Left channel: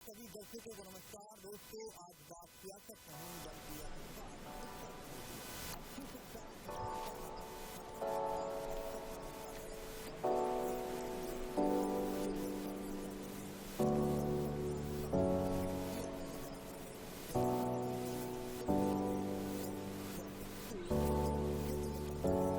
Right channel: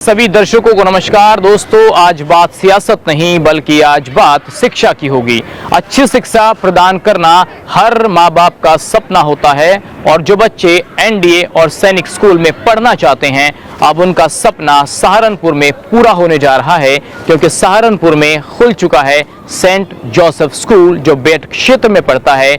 सभी दर्शकों को नमस्कार। दोस्तों, आज बात सियासत नहीं बल्कि आज बात शिक्षा की होगी। अच्छी शिक्षा प्रदान करना हर माँ बाप का सपना होता है और जो बच्चे एनडीए और सैनिक स्कूल में पढ़ना चाहते हैं, अब उनका सपना सहारनपुर में पूरा होने जा रहा है, क्योंकि सहारनपुर में खुल चुका है सेंट जोसेफ स्कूल, जो बेट क्षेत्र में पड़ता है,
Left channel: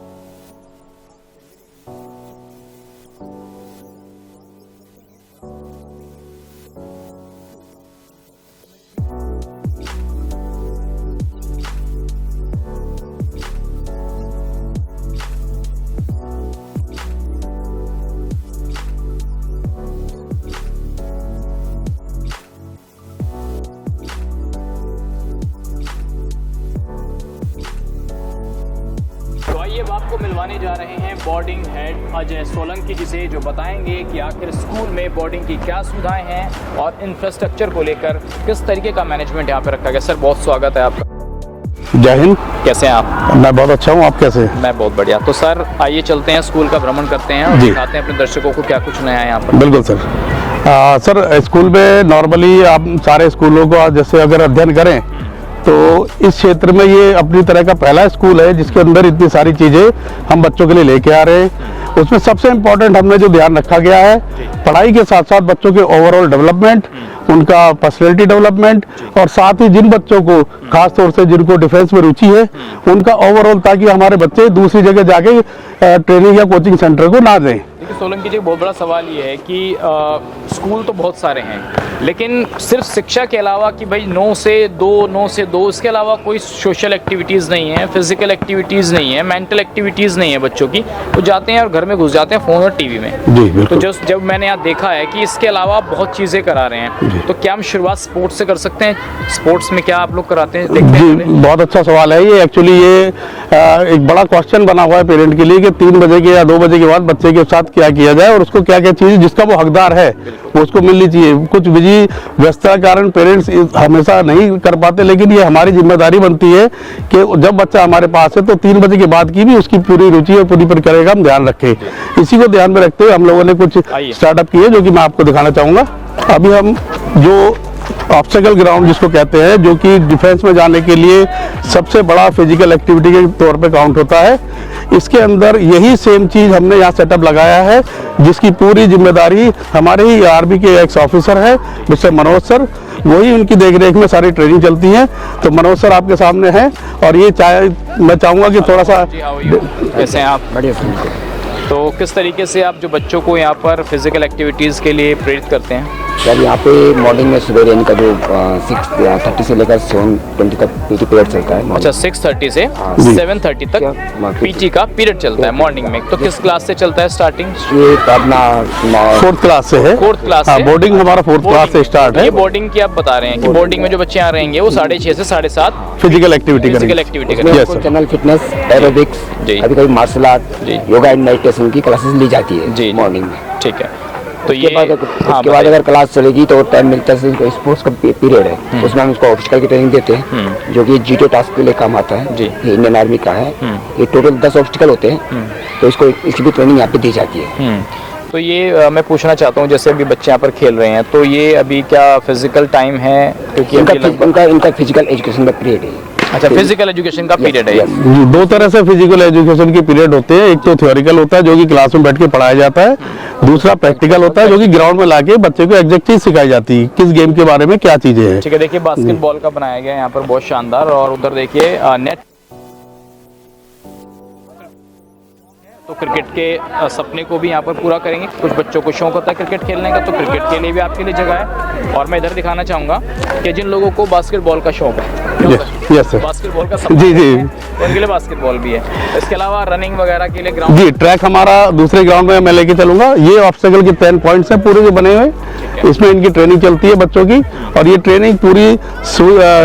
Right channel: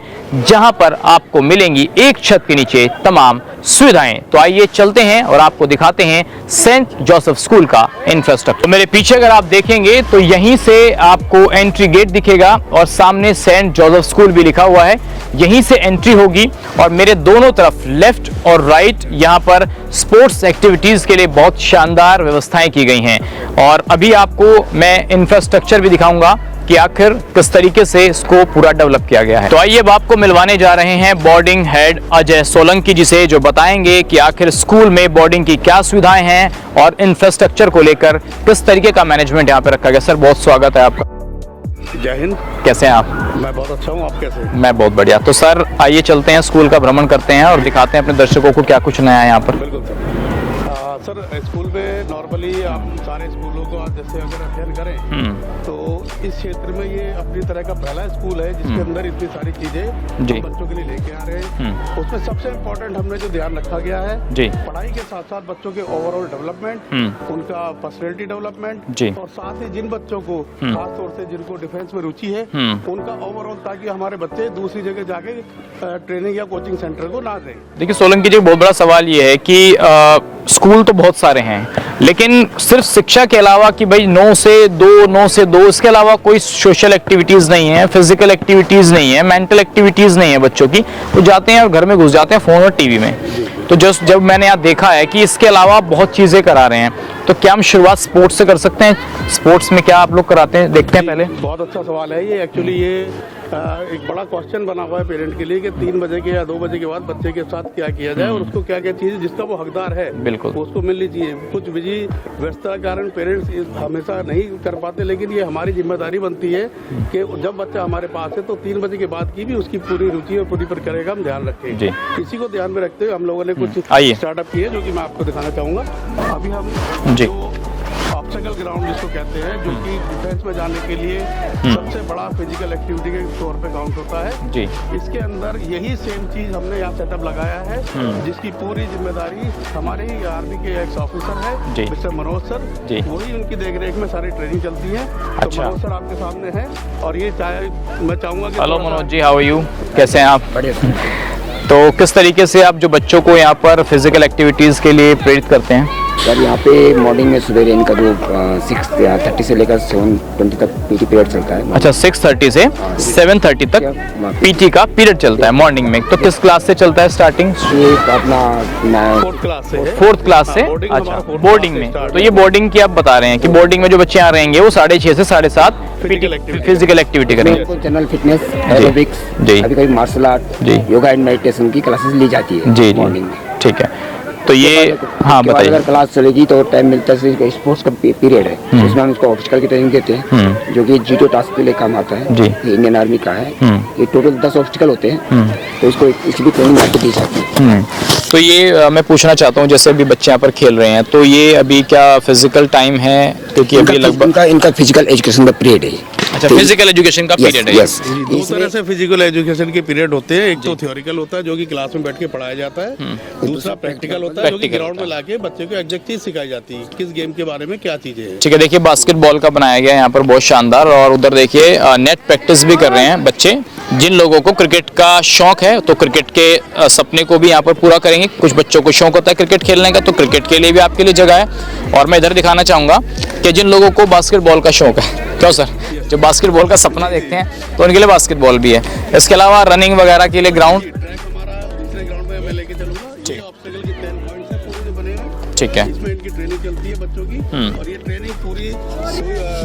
जहां पर आपको मिलेंगी एक छत के नीचे तमाम सुविधाएं। तो आइए चलते हैं और आपको दिखाते हैं सेंट जोसेफ स्कूल का इंफ्रास्ट्रक्चर। तो मेरे पीछे अगर आप देखेंगे तो यहीं से आपको एंट्री गेट दिखेगा और सामने सेंट जोसेफ स्कूल भी लिखा हुआ है। यहीं से एंट्री होगी और मेरे दोनों तरफ लेफ्ट और राइट यहाँ पर स्पोर्ट्स एक्टिविटीज के लिए बहुत शानदार व्यवस्थाएं की गई हैं। और अभी आपको मैं इंफ्रास्ट्रक्चर भी दिखाऊंगा कि आखिर किस तरीके से इसको पूरा डेवलप किया गया है। तो आइए अब आपको मिलवाने जा रहे हैं बोर्डिंग हेड अजय सोलंकी जी से, जो बताएंगे कि आखिर स्कूल में बोर्डिंग की क्या सुविधाएं हैं और इंफ्रास्ट्रक्चर को लेकर किस तरीके का मैनेजमेंट यहाँ पे रखा गया। सर, बहुत स्वागत है आपका। जय हिंद। कैसे हैं आप? मैं बहुत अच्छा हूँ, आप कैसे? मैं बहुत बढ़िया। तो सर आइए चलते हैं, स्कूल का भ्रमण करते हैं और दिखाते हैं अपने दर्शकों को क्या कुछ नया है यहाँ पर। बिल्कुल सर। सर, स्कूल में नॉर्मली आप सारे स्कूलों को जैसे अगर अध्ययन करें तो इस क्षेत्र में ये अपनी तरह का पहला स्कूल है जिसके अंदर इतनी सारी चीजें हम बच्चों के लिए लेके आ रहे हैं। उसमें सबसे इम्पोर्टेंट हमने जो ध्यान रखा गया है, पढ़ाई के साथ साथ बच्चों के ओवरऑल डेवलपमेंट, उनका पर्सनैलिटी डेवलपमेंट, और साथ ही जिन बच्चों को खास तौर से जिनको डिफेंस में रुचि है उनका ओवरऑल, ताकि हमारे बच्चे दूसरी जगह जाके ट्रेनिंग या कोचिंग सेंटर को ना दें। देखिए सोलंकी जी, बहुत बड़ा सवाल ये है कि स्कूल तो बहुत सारे हैं, लेकिन सिर्फ शिक्षा के अलावा कि भाई 9 से 2 इसके अलावा कोई सोशल एक्टिविटीज नहीं है, फिजिकल एक्टिविटीज नहीं है, मेंटल एक्टिविटीज नहीं है बच्चों की। वो जाते हैं और घर में घुस जाते हैं फोन और टीवी में। तो जब मैंने यहाँ देखा है कि इसके अलावा बहुत चीजें करा रहे हैं, तो क्या हम शुरुआत स्पोर्ट्स से कर सकते हैं? स्पोर्ट्स में क्या आप लोग कराते हैं, देखते हैं? बहुत अच्छा सवाल है ये। एक्चुअली ये एक बड़ा क्वेश्चन बना हुआ है पेरेंट के लिए कि 3 बजे के या 2 बजे के बाद बच्चे के साथ क्या किया जाए और उसको क्या क्या चीज जिसका वो हकदार है वो उसको मिलनी चाहिए। कुछ बिजी व्यस्तता के कारण पेरेंट्स हमेशा नहीं कर पाते, लेकिन ये हमारी जिम्मेदारी बनती है कि जब बच्चा हमारे पास है तो 3 बजे के बाद की भी उसकी पूरी रुचि और पूरी प्रक्रिया का हम ध्यान रखें। इसी को ध्यान में रखते हुए हम लोगों ने कुछ स्टार्टअप किए जो कि मैं आपको दिखाना चाहूंगा। अभी हम जो ऑब्स्टेकल ग्राउंड जिसको कहते हैं, जो कि डिफेंस में जाने के लिए सबसे बड़ा फिजिकल एक्टिविटी के तौर पे काउंट होता है, इसके अंदर यही सेम चीज हमने यहाँ सेटअप लगाया है, जिसकी पूरी जिम्मेदारी हमारे ही आर्मी के एक्स ऑफिसर है मिस्टर मनोज सर, वही उनकी देखरेख में सारी ट्रेनिंग चलती है। तो मनोज सर आपके सामने है और ये मैं चाहूंगा कि थोड़ा सा। जी, हाउ आर यू? कैसे हैं आप? तो किस तरीके से आप जो बच्चों को यहाँ पर फिजिकल एक्टिविटीज के लिए प्रेरित करते हैं? सर, यहाँ पे मॉर्निंग में सुबह इनका जो 6:30 से लेकर 7:20 तक पीटी पीरियड चलता है। अच्छा, 6:30 से 7:30 तक पीटी का पीरियड चलता है मॉर्निंग में। तो किस क्लास से चलता है स्टार्टिंग? अपना 4th क्लास से है। 4th क्लास से बोर्डिंग हमारा 4th क्लास से स्टार्ट है। ये बोर्डिंग की आप बता रहे हैं कि बोर्डिंग में जो बच्चे आ रहेंगे वो 6:30 से 7:30 फिजिकल एक्टिविटी करेंगे। जनरल फिटनेस, एरोबिक्स, अभी कभी martial art, yoga and meditation की क्लासेस ली जाती है मॉर्निंग में। ठीक है, तो ये हाँ, बाद अगर क्लास चलेगी तो टाइम मिलता है, स्पोर्ट्स का पीरियड है, उसमें हम उसको ऑब्स्टिकल की ट्रेनिंग देते हैं, जो कि जीटो टास्क के लिए काम आता है, इंडियन आर्मी का है। ये टोटल 10 ऑब्स्टिकल होते हैं, तो इसको इसकी भी ट्रेनिंग आपको दी जाती है। तो ये मैं पूछना चाहता हूँ, जैसे अभी बच्चे यहाँ पर खेल रहे हैं, तो ये अभी क्या फिजिकल टाइम है? क्योंकि अभी लगभग इनका फिजिकल एजुकेशन का पीरियड है। अच्छा, फिजिकल एजुकेशन का पीरियड है। यस, 2 तरह से फिजिकल एजुकेशन के पीरियड होते हैं। एक तो थ्योरिकल होता है जो कि क्लास में बैठ के पढ़ाया जाता है, दूसरा प्रैक्टिकल होता है जो कि ग्राउंड में लाके बच्चे को एग्जैक्ट चीज सिखाई जाती है, किस गेम के बारे में क्या चीजें हैं। ठीक है, देखिए बास्केटबॉल का बनाया गया है यहाँ पर, बहुत शानदार। और उधर देखिए नेट प्रैक्टिस भी कर रहे हैं बच्चे। जिन लोगों को क्रिकेट का शौक है तो क्रिकेट के सपने को भी यहाँ पर पूरा करेंगे। कुछ बच्चों को शौक होता है क्रिकेट खेलने का, तो क्रिकेट के लिए भी आपके लिए जगह है। और मैं इधर दिखाना चाहूंगा कि जिन लोगों को बास्केटबॉल का शौक है, क्यों सर, जो बास्केटबॉल का सपना देखते हैं, तो उनके लिए बास्केटबॉल भी है। इसके अलावा रनिंग वगैरह के लिए ग्राउंड, जी ट्रैक हमारा दूसरे ग्राउंड में मैं लेके चलूंगा। ये ऑब्स्टेकल के 10 पॉइंट्स हैं पूरे जो बने हुए। ठीक है, इसमें इनकी ट्रेनिंग चलती है बच्चों की, और ये ट्रेनिंग पूरी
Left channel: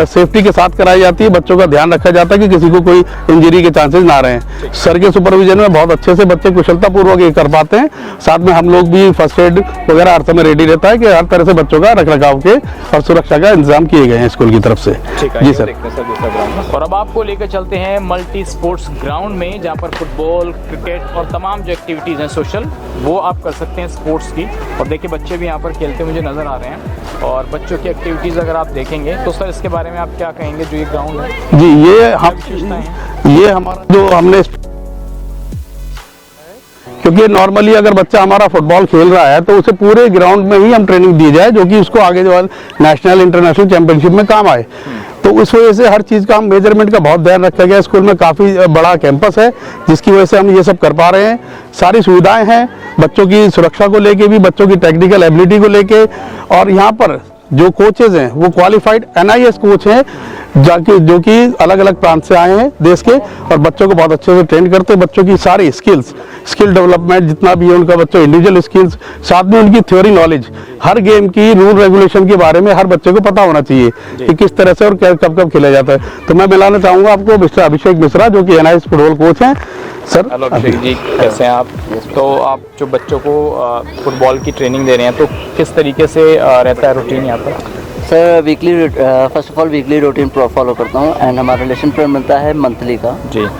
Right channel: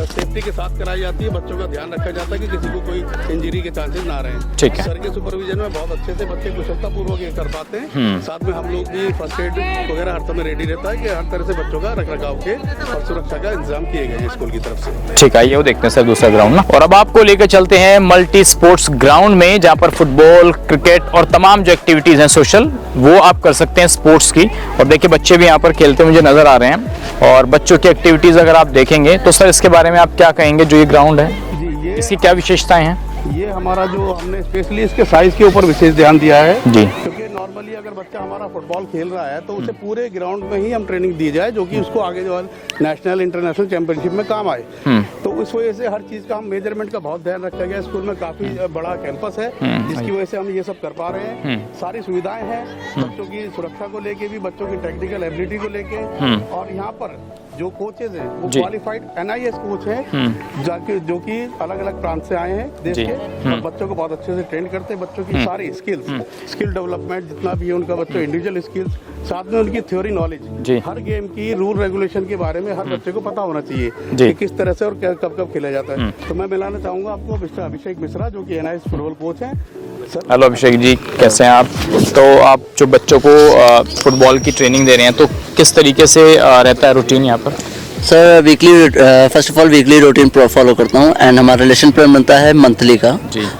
सेफ्टी के साथ कराई जाती है। बच्चों का ध्यान रखा जाता है कि किसी को कोई इंजरी के चांसेस ना रहे। सर के सुपरविजन में बहुत अच्छे से बच्चे कुशलता पूर्वक ये कर पाते हैं। साथ में हम लोग भी फर्स्ट एड वगैरह हर समय रेडी रहता है कि हर तरह से बच्चों का रख रखाव के और सुरक्षा का इंतजाम किए गए हैं स्कूल की तरफ से। ठीक है, ये देखते हैं सर दूसरा ग्राउंड ना। और अब आपको लेकर चलते हैं मल्टी स्पोर्ट्स ग्राउंड में, जहाँ पर फुटबॉल, क्रिकेट और तमाम जो एक्टिविटीज हैं सोशल, वो आप कर सकते हैं स्पोर्ट्स की। और देखिए बच्चे भी यहाँ पर खेलते मुझे नजर आ रहे हैं। और बच्चों की एक्टिविटीज अगर आप देखेंगे तो सर इसके बारे में आप क्या कहेंगे, जो ये ग्राउंड है जी, ये क्या विशेषताएं हैं? ये हमारा जो हमने स्पेशली इसके साइज के ऊपर विशेष ध्यान दिया है जी, क्योंकि नॉर्मली अगर बच्चा हमारा फुटबॉल खेल रहा है तो उसे पूरे ग्राउंड में ही हम ट्रेनिंग दी जाए, जो कि उसको आगे जो नेशनल इंटरनेशनल चैंपियनशिप में काम आए। तो इस वजह से हर चीज का हम मेजरमेंट का बहुत ध्यान रखा गया। स्कूल में काफी बड़ा कैंपस है जिसकी वजह से हम ये सब कर पा रहे हैं। सारी सुविधाएं हैं बच्चों की सुरक्षा को लेके भी, बच्चों की टेक्निकल एबिलिटी को लेके। और यहाँ पर जो कोचेज हैं वो क्वालिफाइड NIS कोच हैं जो कि अलग अलग प्रांत से आए हैं देश के, और बच्चों को बहुत अच्छे से ट्रेन करते हैं। बच्चों की सारी स्किल डेवलपमेंट जितना भी है उनका, बच्चों इंडिविजुअल स्किल्स, साथ में उनकी थ्योरी नॉलेज, हर गेम की रूल रेगुलेशन के बारे में हर बच्चे को पता होना चाहिए कि किस तरह से और कब कब खेला जाता है। तो मैं मिलाना चाहूंगा आपको मिस्टर अभिषेक मिश्रा, जो कि NIS फुटबॉल कोच हैं। सर हेलो अभिषेक जी, कैसे हैं आप? तो आप जो बच्चों को फुटबॉल की ट्रेनिंग दे रहे हैं, तो किस तरीके से रहता है रूटीन यहाँ पर? Sir weekly, first of all weekly routine follow करता हूँ, एंड हमारा रिलेशन प्लान बनता है मंथली का।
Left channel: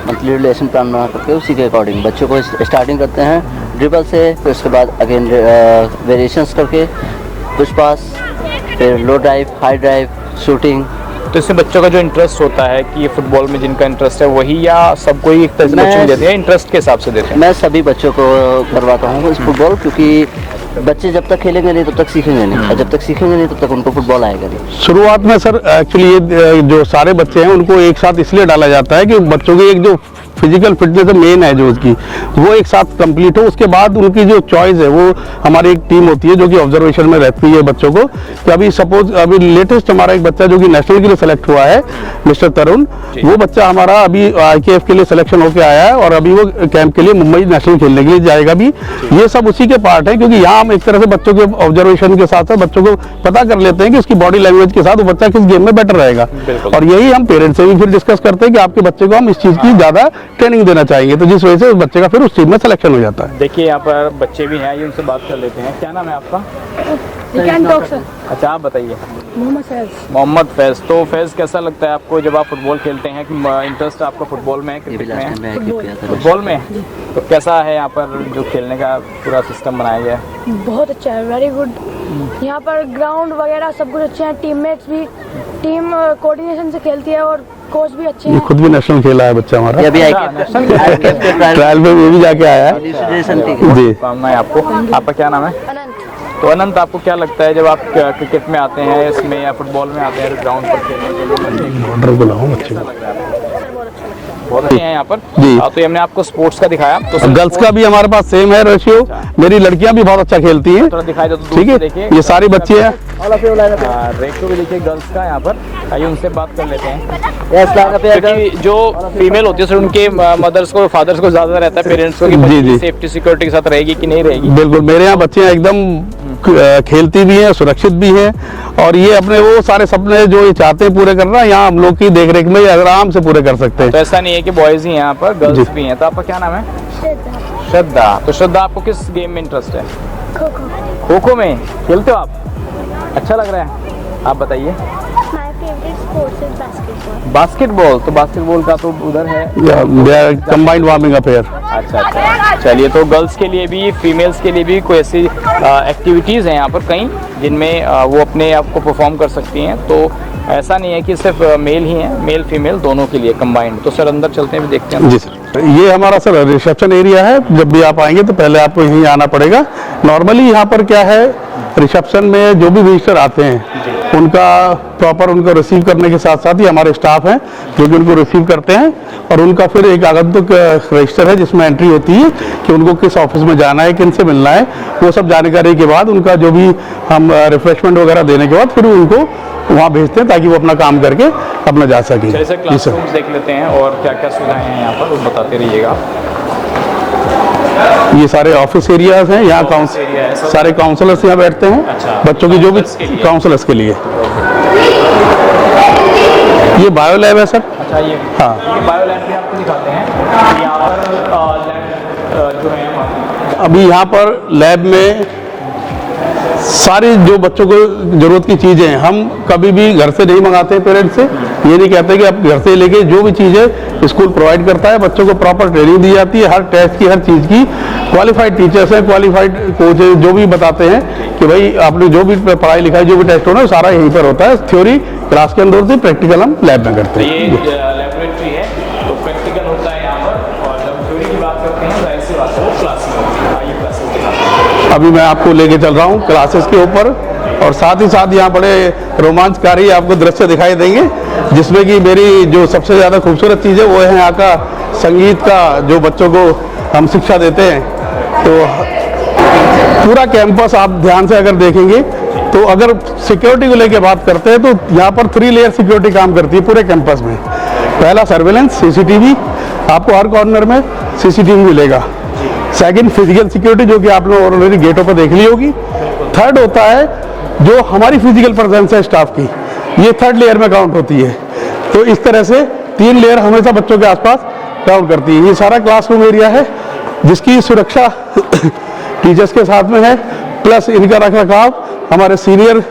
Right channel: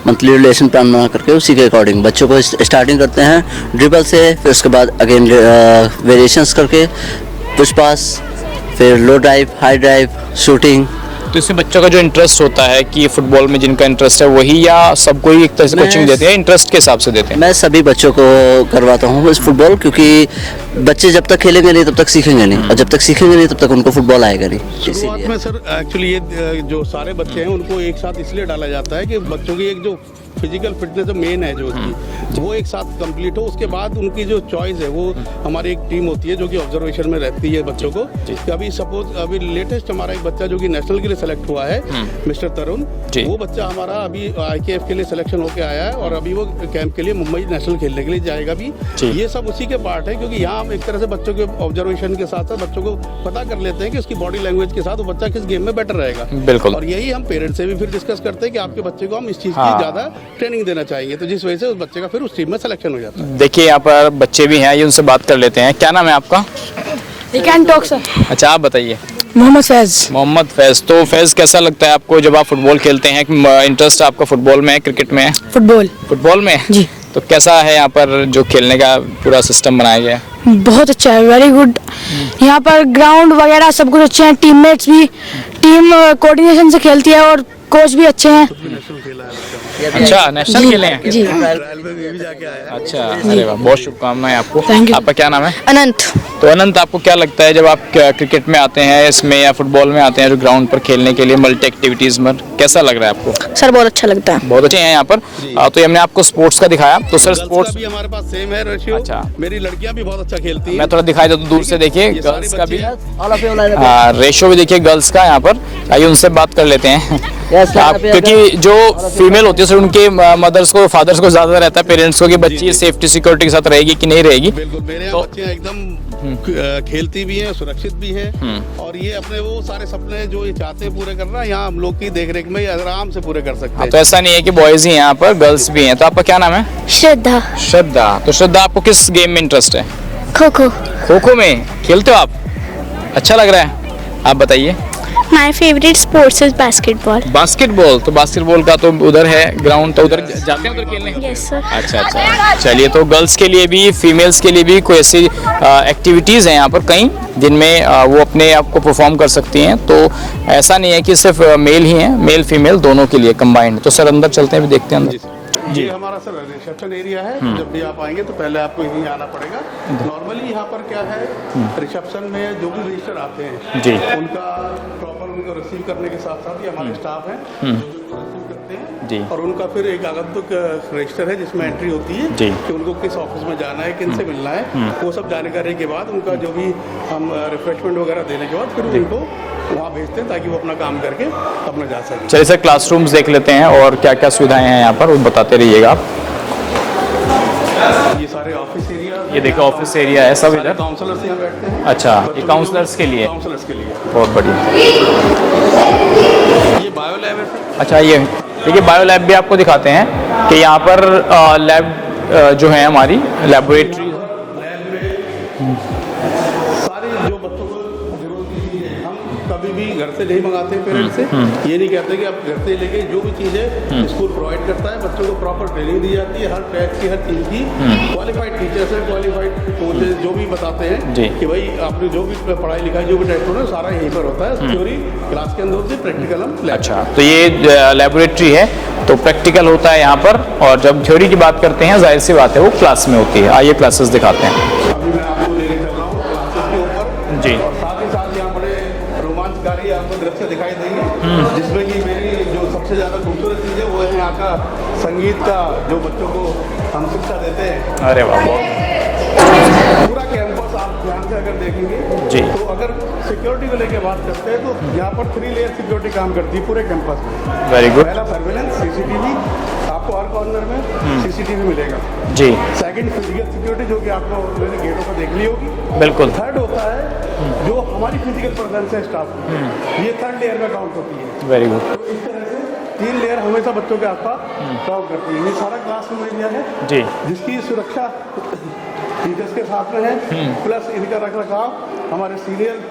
मंथली रिलेशन प्लान बना करके उसी के अकॉर्डिंग बच्चों को स्टार्टिंग करते हैं ड्रिबल से, फिर उसके बाद अगेन वेरिएशंस करके पुश पास, फिर लो ड्राइव, हाई ड्राइव, शूटिंग। तो इससे बच्चों का जो इंटरेस्ट होता है कि फुटबॉल में जिनका इंटरेस्ट है वही, या सबको ही एक तरह से कोचिंग देते हैं, इंटरेस्ट के हिसाब से देते हैं? मैं सभी बच्चों को करवाता हूँ इस फुटबॉल, क्योंकि बच्चे जब तक खेलेंगे नहीं तब तक सीखेंगे नहीं, और जब तक सीखेंगे नहीं तब तक उनको फुटबॉल आएगा नहीं। शुरुआत में सर एक्चुअली ये जो सारे बच्चे हैं उनको एक साथ इसलिए डाला जाता है कि बच्चों की एक जो फिजिकल फिटनेस मेन है जो उसकी, वो एक साथ कंप्लीट हो। उसके बाद उनकी जो चॉइस है वो हमारी एक टीम होती है जो कि ऑब्जर्वेशन में रहती है बच्चों को। कि अभी सपोज अभी लेटेस्ट हमारा एक बच्चा जो कि नेशनल के लिए सेलेक्ट हुआ है, मिस्टर तरुण, वो बच्चा हमारा अभी IKF के लिए सिलेक्शन होकर आया है और अभी वो कैंप के लिए मुंबई नेशनल खेलने के लिए जाएगा भी। ये सब उसी के पार्ट है, क्योंकि यहाँ हम एक तरह से बच्चों के ऑब्जर्वेशन के साथ साथ बच्चों को पता कर लेते हैं कि उसकी बॉडी लैंग्वेज के साथ वो बच्चा किस गेम में बेटर रहेगा। और यही हम पेरेंट्स से भी फिर डिस्कस करते हैं कि आपके बच्चे को हम इस चीज की ज्यादा ट्रेनिंग देना चाहेंगे, तो जिस वजह से उस बच्चे का फिर उस टीम में सिलेक्शन हो जाता है। देखिए यहाँ पर बच्चे भी हैं, ये उनसे बात कर लेते हैं। क्या नाम है आपका? अच्छा, आप बताइए। मोहम्मद फैज। मोहम्मद फैज। तो फैज, कैसा लगता है आपको जब आप फुटबॉल खेलते हैं? इंटरेस्ट आपका फुटबॉल में है, क्रिकेट में है? फुटबॉल में जी। तो कैसा है यहाँ पर जो खेलने का पूरा सिस्टम बनाया गया? बहुत अच्छा है, वेरी गुड। यहाँ पर ग्राउंड वगैरह सब कुछ अच्छे हैं, टीममेट्स भी टीम कोऑर्डिनेशन से खेलती है और कोच भी अच्छे हैं। खुद भी नेशनल खेला है बच्चा हमारा। अच्छा, नेशनल खेला है? ट्रायल में वो भी जाके आया है। अच्छा, अरे वाह, बहुत शुभकामनाएं आपको। आपका क्या नाम है? अनंत। तो अनंत, आपको क्या लगता है जब आप क्रिकेट में आते हैं इसमें या फुटबॉल में आते हैं जो ग्राउंड पर खेलने के लिए मल्टी एक्टिविटीज में, कैसा लग रहा है आपको? सर बहुत अच्छा लगता है। बहुत अच्छे हैं यहाँ पर। तो हमने आपको स्पोर्ट्स का दिखाया, तो गर्ल्स का भी हमारे पास सेम है रेशियो। मेरी लड़कियां भी बहुत अच्छा खेलती हैं। थोड़ा दिखाई दो तो दूर से देखिए, ये सारी बच्ची हैं। रेशियो भी देखिए गर्ल्स का यहाँ पर। आइए उनसे बात कर लेते हैं। क्योंकि जो फीमेल होती है सर, उनके मदर्स को, फादर्स को ज्यादा रहता है, पेरेंट्स को, कि बच्ची सेफ्टी सिक्योरिटी के साथ रहेगी कि नहीं रहेगी। बिल्कुल, मेरे यहाँ बच्चियां एकदम खेलती भी हैं, सुरक्षित भी हैं, और ये अपने वो सारे सपने जो ये चाहते हैं पूरे करना यहाँ हम लोग की देखरेख में आराम से पूरे कर सकते हैं। तो ऐसा नहीं है कि बॉयज ही हैं यहाँ पर, गर्ल्स भी हैं। तो आपका क्या नाम है? श्रद्धा। श्रद्धा। तो श्रद्धा, आपको किस गेम में इंटरेस्ट है? खो खो। खो खो में खेलते हो आप? अच्छा लग रहा है, आप बताइए। My favorite sports is basketball. Basketball. तो बास्केटबॉल का तो उधर है ग्राउंड, तो कंबाइंड वार्मिंग अफेयर। अच्छा अच्छा, चलिए। तो गर्ल्स के लिए भी, फीमेल्स के लिए भी कोई ऐसी एक्टिविटीज़ हैं यहाँ पर कई जिनमें वो अपने आप को परफॉर्म कर सकती हैं। तो ऐसा नहीं है कि सिर्फ मेल ही हैं, मेल फीमेल दोनों के लिए कंबाइंड। तो सर अंदर चलते हैं, भी देखते हैं। जी सर, ये हमारा सर रिसेप्शन एरिया है। जब भी आप आएंगे तो पहले आपको यहीं आना पड़ेगा। नॉर्मली यहाँ पर क्या है, रिसेप्शन में जो भी विजिटर आते हैं जी, उनका प्रॉपर उनको रिसीव करने के साथ साथ ही हमारे स्टाफ हैं जो कि उनको रिसीव करते हैं, और उनका फिर एक आगंतुक रजिस्टर है जिसमें एंट्री होती है कि उनको किस ऑफिस में जाना है, किन से मिलना है। वो सब जानकारी के बाद उनका जो भी हम रिफ्रेशमेंट वगैरह देने के बाद फिर उनको वहाँ भेजते हैं ताकि वो अपना काम करके अपना जा सकें। चलिए सर, क्लासरूम्स देख लेते हैं और क्या क्या सुविधाएं हैं यहाँ पर, वो बताते रहिएगा आप। ये सारे ऑफिस एरियाज हैं, यहाँ ऑफिस एरिया है, सब सारे काउंसलर्स यहाँ बैठते हैं। अच्छा, बच्चों की जो भी काउंसलर्स के लिए। बहुत बढ़िया। ये बायो लैब है सर। अच्छा, ये हाँ। देखिए बायो लैब भी आपको दिखाते हैं कि यहाँ पर लैब जो है हमारी अभी यहाँ पर लैब में सारी जो बच्चों को जरूरत की चीजें हैं हम कभी भी घर से नहीं मंगाते पेरेंट्स से। ये नहीं कहते कि आप घर से लेके, जो भी चीज है स्कूल प्रोवाइड करता है, बच्चों को प्रॉपर ट्रेनिंग दी जाती है, हर टेस्ट की, हर चीज की। क्वालिफाइड टीचर्स हैं, क्वालिफाइड कोच है, जो भी बताते हैं कि भाई आपने जो भी पढ़ाई लिखाई, जो भी टेस्ट होना है सारा यहीं पर होता है। थ्योरी क्लास के अंदर होती, प्रैक्टिकल हम लैब में करते हैं। तो ये लेबोरेटरी है, तो प्रैक्टिकल होता है यहाँ पर, और जब थ्योरी की बात करते हैं जाहिर सी बात है वो क्लास में होती है। आइए क्लासेस दिखाते हैं। अभी मैं आपको लेके चल रहा हूँ क्लासेस के ऊपर, और साथ ही साथ यहाँ बड़े रोमांचकारी आपको दृश्य दिखाई देंगे, जिसमें कि मेरी जो सबसे ज्यादा खूबसूरत चीज है वो है यहाँ का संगीत का, जो बच्चों को हम शिक्षा देते हैं। अरे वाह। तो पूरा कैंपस आप ध्यान से अगर देखेंगे तो अगर सिक्योरिटी को लेके बात करते हैं तो यहाँ पर 3 लेयर सिक्योरिटी काम करती है पूरे कैंपस में। पहला सर्वेलेंस, सीसीटीवी, आपको हर कॉर्नर में सीसीटीवी मिलेगा जी। सेकंड फिजिकल सिक्योरिटी, जो कि आपने ऑलरेडी गेटों पर देख ली होगी। बिल्कुल। थर्ड होता है जो हमारी फिजिकल प्रेजेंस है स्टाफ की, ये थर्ड लेयर में काउंट होती है। तो इस तरह से 3 लेयर हमेशा बच्चों के आसपास काउंट करती है। ये सारा क्लासरूम एरिया है जिसकी सुरक्षा टीचर्स के साथ में है, प्लस इनका रखरखाव हमारे सीनियर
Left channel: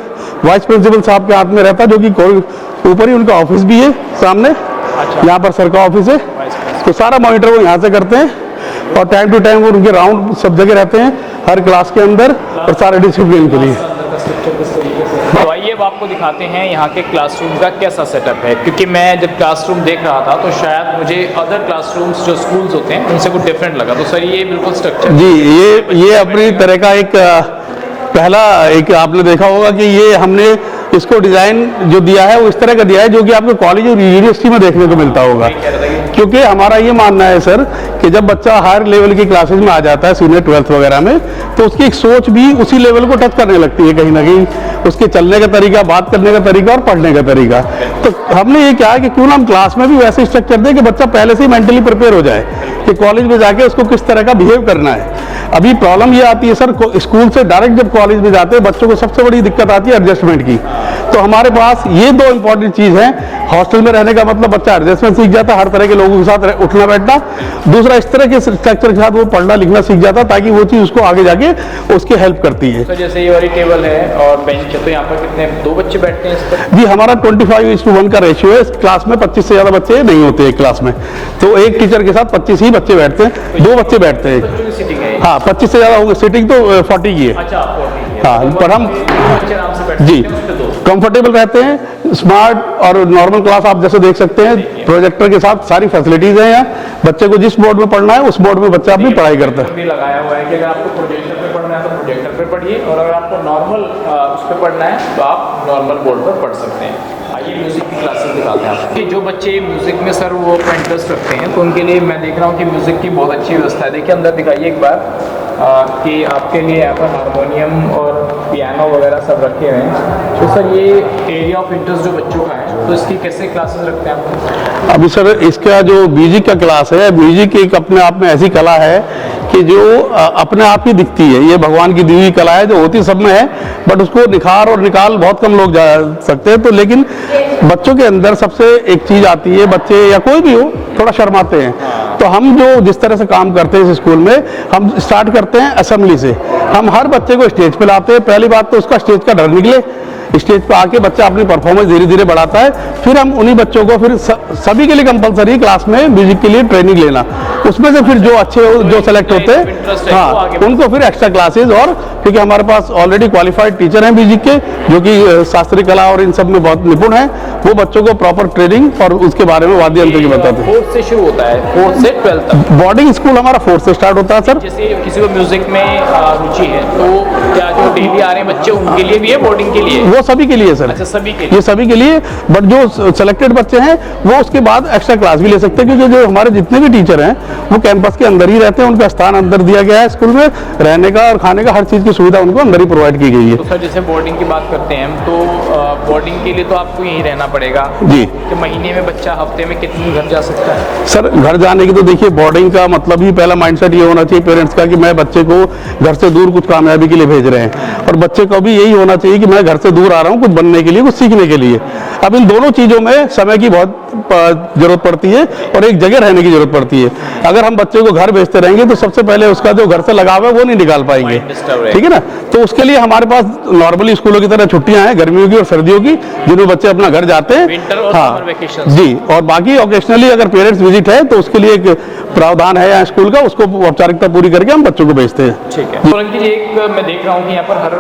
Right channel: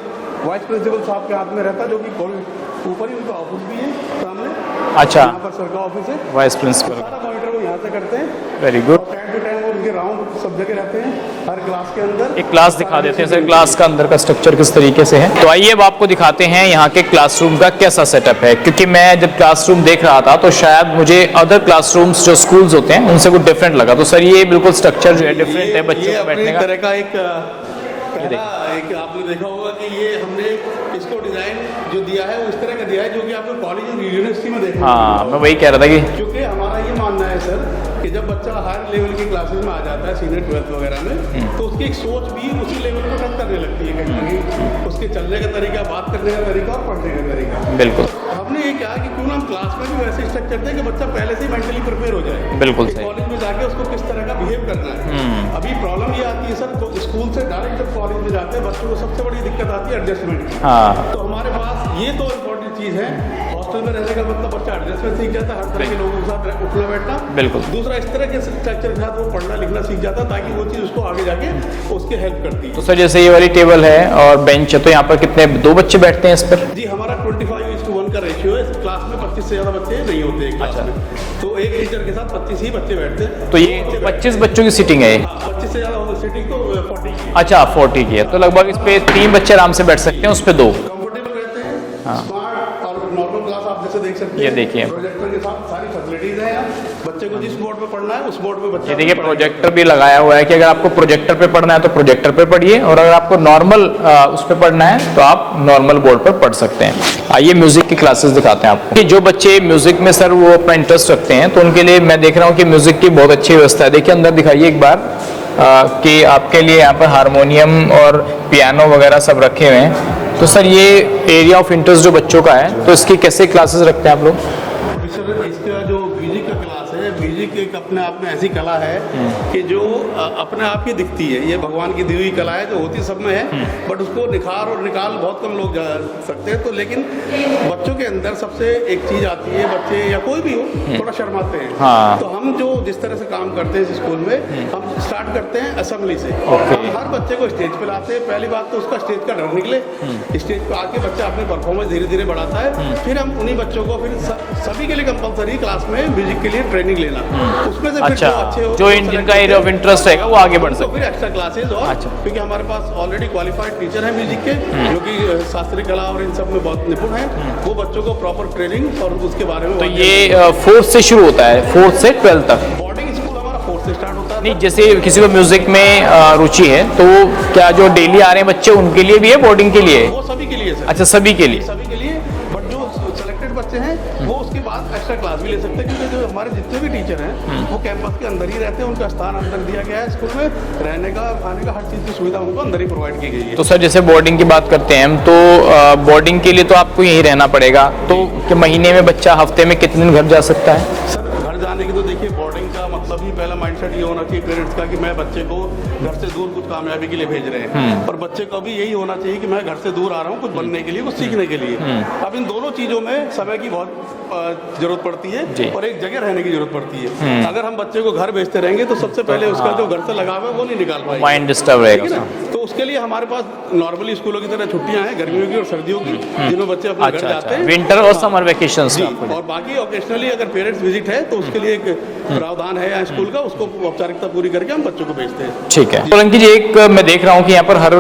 वाइस प्रिंसिपल साहब के हाथ में रहता है, जो कि ऊपर ही उनका ऑफिस भी है सामने। अच्छा, यहाँ पर सर का ऑफिस है, वाइस प्रिंसिपल। तो सारा मॉनिटर वो यहाँ से करते हैं, और टाइम टू टाइम वो उनके राउंड सब जगह रहते हैं हर क्लास के अंदर। क्लास का अंदर का स्ट्रक्चर किस तरीके से है, तो आइए अब आपको दिखाते हैं यहाँ के क्लासरूम का कैसा सेटअप है। क्योंकि मैं जब क्लासरूम देख रहा था तो शायद मुझे अदर क्लासरूम्स जो स्कूल्स होते हैं उनसे कुछ डिफरेंट लगा। तो सर ये बिल्कुल स्ट्रक्चर जी, ये अपनी तरह का एक पहला एक आपने देखा होगा कि ये हमने इसको डिजाइन जो दिया है वो इस तरह का दिया है जो कि आपको कॉलेज और यूनिवर्सिटी में देखने को मिलता होगा। वही कह रहा था कि क्योंकि हमारा ये मानना है सर कि जब बच्चा हायर लेवल की क्लासेस में आ जाता है, सीनियर 12th वगैरह में, तो उसकी एक सोच भी उसी लेवल को टच करने लगती है कहीं ना कहीं, उसके चलने का तरीका, बात करने का तरीका और पढ़ने का तरीका। तो हमने ये कहा कि क्यों ना हम क्लास में भी वैसे स्ट्रक्चर दें कि बच्चा पहले से ही मेंटली प्रिपेयर हो जाए कि कॉलेज में जाके उसको किस तरह का बिहेव करना है। अभी प्रॉब्लम ये आती है सर, स्कूल से डायरेक्ट जब कॉलेज में जाते हैं बच्चों को सबसे बड़ी दिक्कत आती है एडजस्टमेंट की। तो हमारे पास ये 2 इंपॉर्टेंट चीज है। हॉस्टल में रहने का मतलब बच्चा एडजस्टमेंट सीख जाता है, हर तरह के लोगों के साथ उठना बैठना। दूसरा, इस तरह के स्ट्रक्चर के साथ वो पढ़ना लिखना सीख जाता है, ताकि वो चीज उसको आगे जाके उसकी हेल्प करती है। सर जैसे ये वाली टेबल है और बेंच है, तो यहाँ पर कितने 2 बच्चे बैठते हैं इस पर? जी, हमारा 25:1 का रेशियो है। क्लास में 25 से ज्यादा बच्चे नहीं होते एक क्लास में, तो एक टीचर के साथ 25 ही बच्चे बैठते हैं। तो 2 बच्चे बैठते हैं। बच्चों की सीटिंग है? हाँ, 25 से ज्यादा होंगे। सीटिंग तो 40 की है। अच्छा, 40 की है। हाँ, तो लगभग हम 3 बच्चे आराम से बैठ सकते हैं उस पे 2। कंफर्टेबल रहते हैं। स्मार्ट और नॉर्मल क्लास आप जैसे देख सकते हैं, प्रोजेक्टर के साथ सारी फैसिलिटीज हैं यहाँ। बच्चे को जिस बोर्ड में पढ़ना है उस बोर्ड में बच्चा अपनी पढ़ाई करता है। भी लगाया हुआ है कि अगर आपको प्रोजेक्टर पे पढ़ना है तो प्रोजेक्टर पे पढ़िए, और अगर आपको नॉर्मल उस पे पढ़ना है तो आप नॉर्मल बोर्ड पर पढ़ सकते हैं। आइए म्यूजिक की क्लासेस दिखाते हैं आपको। जो बच्चे म्यूजिक में सर वो अपना इंटरेस्ट रखते हैं तो उनके लिए मैं देख रहा हूँ कि म्यूजिक की बहुत अच्छी व्यवस्था है। देखिए अंदर दिखाइए एक बार कि आपके लिए यहाँ पर हारमोनियम और पियानो वगैरह सब रखे हुए हैं। तो सर ये एरिया ऑफ इंटरेस्ट जो बच्चों का है, तो इसकी कैसे क्लासेस रखते हैं आप लोग? अभी सर इसका जो म्यूजिक का क्लास है, म्यूजिक एक अपने आप में ऐसी कला है कि जो अपने आप ही दिखती है। ये भगवान की दी हुई कला है जो होती सब में है, बट उसको निखार और निकाल बहुत कम लोग जा सकते हैं। तो लेकिन बच्चों के अंदर सबसे एक चीज आती है, बच्चे या कोई भी हो थोड़ा शर्माते हैं। तो हम जो जिस तरह से काम करते हैं इस स्कूल में, हम स्टार्ट करते हैं असेंबली से। हम हर बच्चे को स्टेज पे लाते हैं। पहली बात तो उसका स्टेज का डर निकले, स्टेज पे आके बच्चा अपनी परफॉर्मेंस धीरे धीरे बढ़ाता है। फिर हम उन्हीं बच्चों को फिर सभी के लिए कंपलसरी क्लास में म्यूजिक के लिए ट्रेनिंग लेना, उसमें से फिर जो अच्छे जो सेलेक्ट होते हैं उनको फिर एक्स्ट्रा क्लासेस। और क्योंकि हमारे पास ऑलरेडी क्वालिफाइड टीचर हैं म्यूजिक के, जो कि शास्त्रीय कला और इन सब में बहुत निपुण है, वो बच्चों को प्रॉपर ट्रेनिंग और उसके बारे में वाद्य यंत्र 4th से शुरू होता है, 4th से 12th तक। बोर्डिंग स्कूल हमारा 4th से स्टार्ट होता है सर। जैसे किसी को म्यूजिक में रुचि है तो क्या जो डेली आ रहे हैं बच्चे उनके लिए भी है, बोर्डिंग के लिए? वो सभी के लिए सर। अच्छा, सभी के लिए? ये सभी के लिए, बट जो सिलेक्टेड बच्चे हैं वो उसके बाद एक्स्ट्रा क्लास भी ले सकते हैं, क्योंकि जो हमारे जितने भी टीचर हैं वो कैंपस के अंदर ही रहते हैं। उनका स्थान अंदर दिया गया है स्कूल में, रहने का और खाने का हर चीज की सुविधा उनको अंदर ही प्रोवाइड की गई है। तो सर जैसे बोर्डिंग की बात करते हैं हम, तो बोर्डिंग के लिए तो आपको यहीं रहना पड़ेगा जी। कि महीने में बच्चा हफ्ते में कितने दिन घर जा सकता है? सर घर जाने की तो देखिए, बोर्डिंग का मतलब ही पहला माइंडसेट ये होना चाहिए पेरेंट्स का कि मैं बच्चे को घर से दूर कुछ कामयाबी के लिए भेज रहे हैं, और बच्चे को भी यही होना चाहिए कि मैं घर से दूर दूर आ रहा हूँ कुछ बनने के लिए, कुछ सीखने के लिए। अब इन दोनों चीजों में समय की बहुत जरूरत पड़ती है और एक जगह रहने की जरूरत पड़ती है। अगर हम बच्चे को घर भेजते रहेंगे तो सबसे पहले उसका जो घर से लगाव है वो नहीं निकाल पाएंगे, ठीक है ना। तो उसके लिए हमारे पास नॉर्मली स्कूलों की तरह छुट्टियां हैं, गर्मियों की और सर्दियों की, जिनमें बच्चे अपना घर जाते हैं, विंटर और समर वेकेशन जी। और बाकी ओकेशनली अगर पेरेंट्स विजिट है तो उसके लिए एक प्रावधान है यहाँ स्कूल का, उसको औपचारिकता पूरी करके हम बच्चों को भेजते हैं। ठीक है। तो अंकित जी, एक मैं देख रहा हूँ कि यहाँ पर हर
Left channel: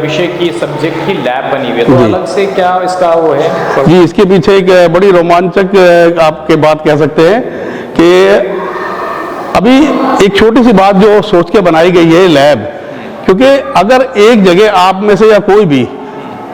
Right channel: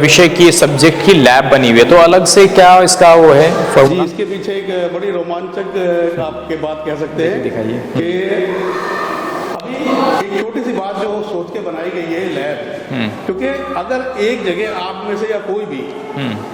विषय की सब्जेक्ट की लैब बनी हुई है, तो अलग से क्या इसका वो है? जी, इसके पीछे एक बड़ी रोमांचक आपके बात कह सकते हैं कि अभी एक छोटी सी बात जो सोच के बनाई गई है लैब, क्योंकि अगर एक जगह आप में से या कोई भी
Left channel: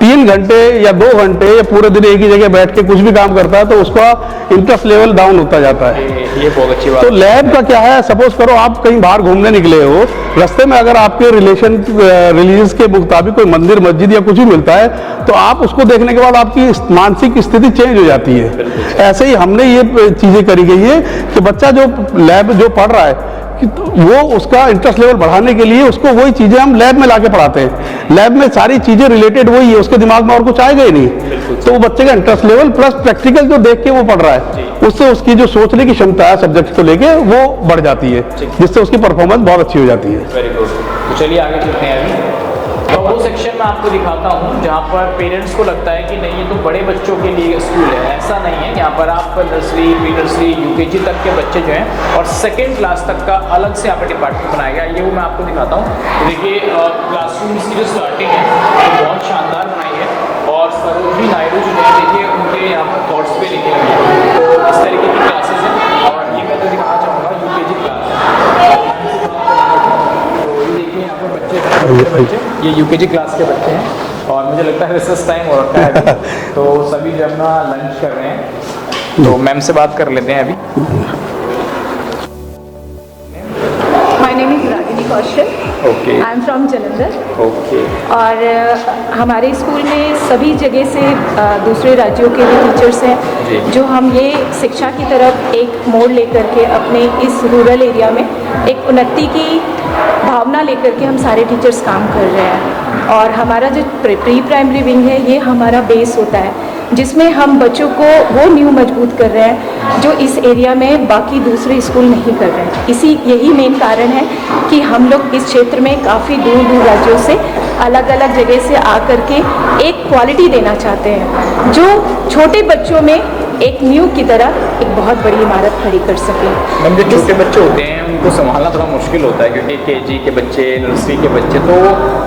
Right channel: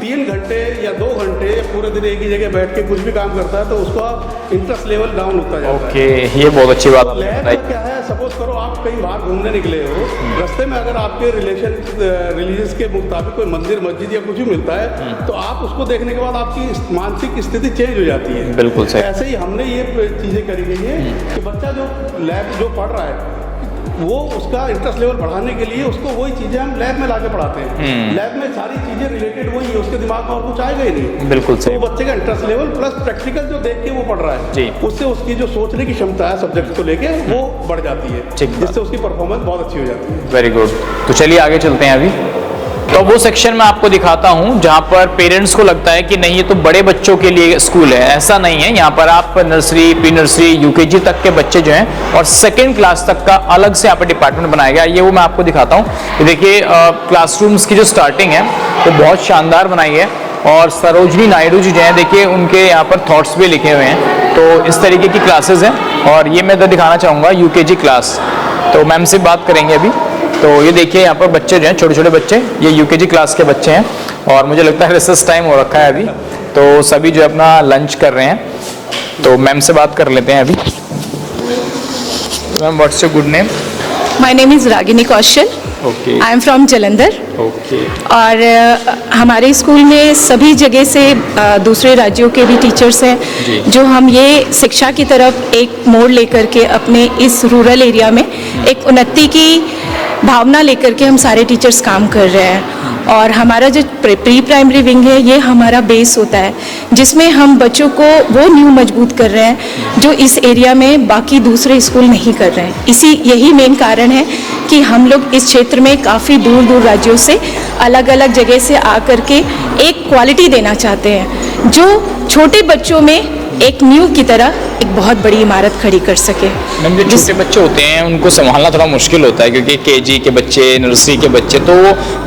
3 घंटे या 2 घंटे या पूरे दिन एक ही जगह बैठ के कुछ भी काम करता है तो उसका इंटरेस्ट लेवल डाउन होता जाता है। ये बहुत अच्छी बात। तो लैब का क्या है, सपोज करो आप कहीं बाहर घूमने निकले हो, रास्ते में अगर आपके रिलीजियस के मुताबिक कोई मंदिर मस्जिद या कुछ भी मिलता है तो आप उसको देखने के बाद आपकी मानसिक स्थिति चेंज हो जाती है। बिल्कुल ऐसे ही हमने ये चीजें करी गई है कि बच्चा जो लैब जो पढ़ रहा है वो उसका इंटरेस्ट लेवल बढ़ाने के लिए उसको वही चीजें हम लैब में लाके पढ़ाते हैं। लैब में सारी चीजें रिलेटेड वही है, उसके दिमाग में और कुछ आएगा ही नहीं। बिल्कुल। तो वो बच्चे का इंटरेस्ट लेवल प्लस प्रैक्टिकल जो देख के वो पढ़ रहा है, उससे उसकी जो सोचने की क्षमता है सब्जेक्ट को लेके वो बढ़ जाती है, जिससे उसकी परफॉर्मेंस बहुत अच्छी हो जाती है। Very good. तो चलिए आगे चलते हैं अभी। तो वो सेक्शन में आपको दिखाता हूँ जहाँ पर पेरेंट्स को लगता है कि नहीं ये तो बड़े बच्चों के लिए स्कूल है। ऐसा नहीं है, यहाँ पर आप नर्सरी, प्री नर्सरी, यूकेजी तक के बच्चे जो हैं और 2nd क्लास तक का अलग से यहाँ पर डिपार्टमेंट बनाया गया। ये वो मैं आपको दिखाता हूँ। ये देखिए क्लासरूम्स की जो स्टार्टिंग है वो बहुत शानदार बनाई है और सरोजनी नायडू जी जो हैं देखिए उनके यहाँ पर थॉट्स भी लिखे हुए हैं। तो इस तरीके की क्लासेस हैं और ये मैं दिखाना चाहूँगा यूकेजी क्लास। तो मैम से बात करेंगे अभी। तो ये देखिए यहाँ पर बच्चे जो हैं छोटे छोटे बच्चे, ये यूकेजी क्लास के बच्चे हैं और मुझे लगता है रिसेस टाइम हो रखा है अभी, तो सभी जो है अपना लंच कर रहे हैं। तो मैम से बात कर लेते हैं अभी। Ma'am, what's your good name? My name is Ragini Kaushal. Okay. I am from Jalandhar. Okay. और हमारे स्कूल में सभी जगह से दूसरे राज्यों के भी टीचर्स हैं जो हम ये शिक्षा की तरफ एक मोड़ लेकर के अपने इस रूरल एरिया में एक उन्नति की भावना लेकर के हम सारे टीचर्स काम कर रहे हैं। और हमारा जो प्री प्राइमरी विंग है ये हमारा बेस होता है जिसमें हम बच्चों को वो नींव मजबूत कर रहे हैं जो इस एरिया में बाकी दूसरे स्कूल नहीं कर रहे हैं। यही मेन कारण है कि हम लोग इस क्षेत्र में काफ़ी दूर दूर राज्यों से अलग अलग जगह से आकर के एक क्वालिटी देना चाहते हैं जो छोटे बच्चों में एक नींव की तरह एक बहुत बड़ी इमारत खड़ी कर सके। मैम, जो छोटे बच्चे होते हैं उनको संभालना थोड़ा मुश्किल होता है क्योंकि केजी के बच्चे, नर्सरी के बच्चे तो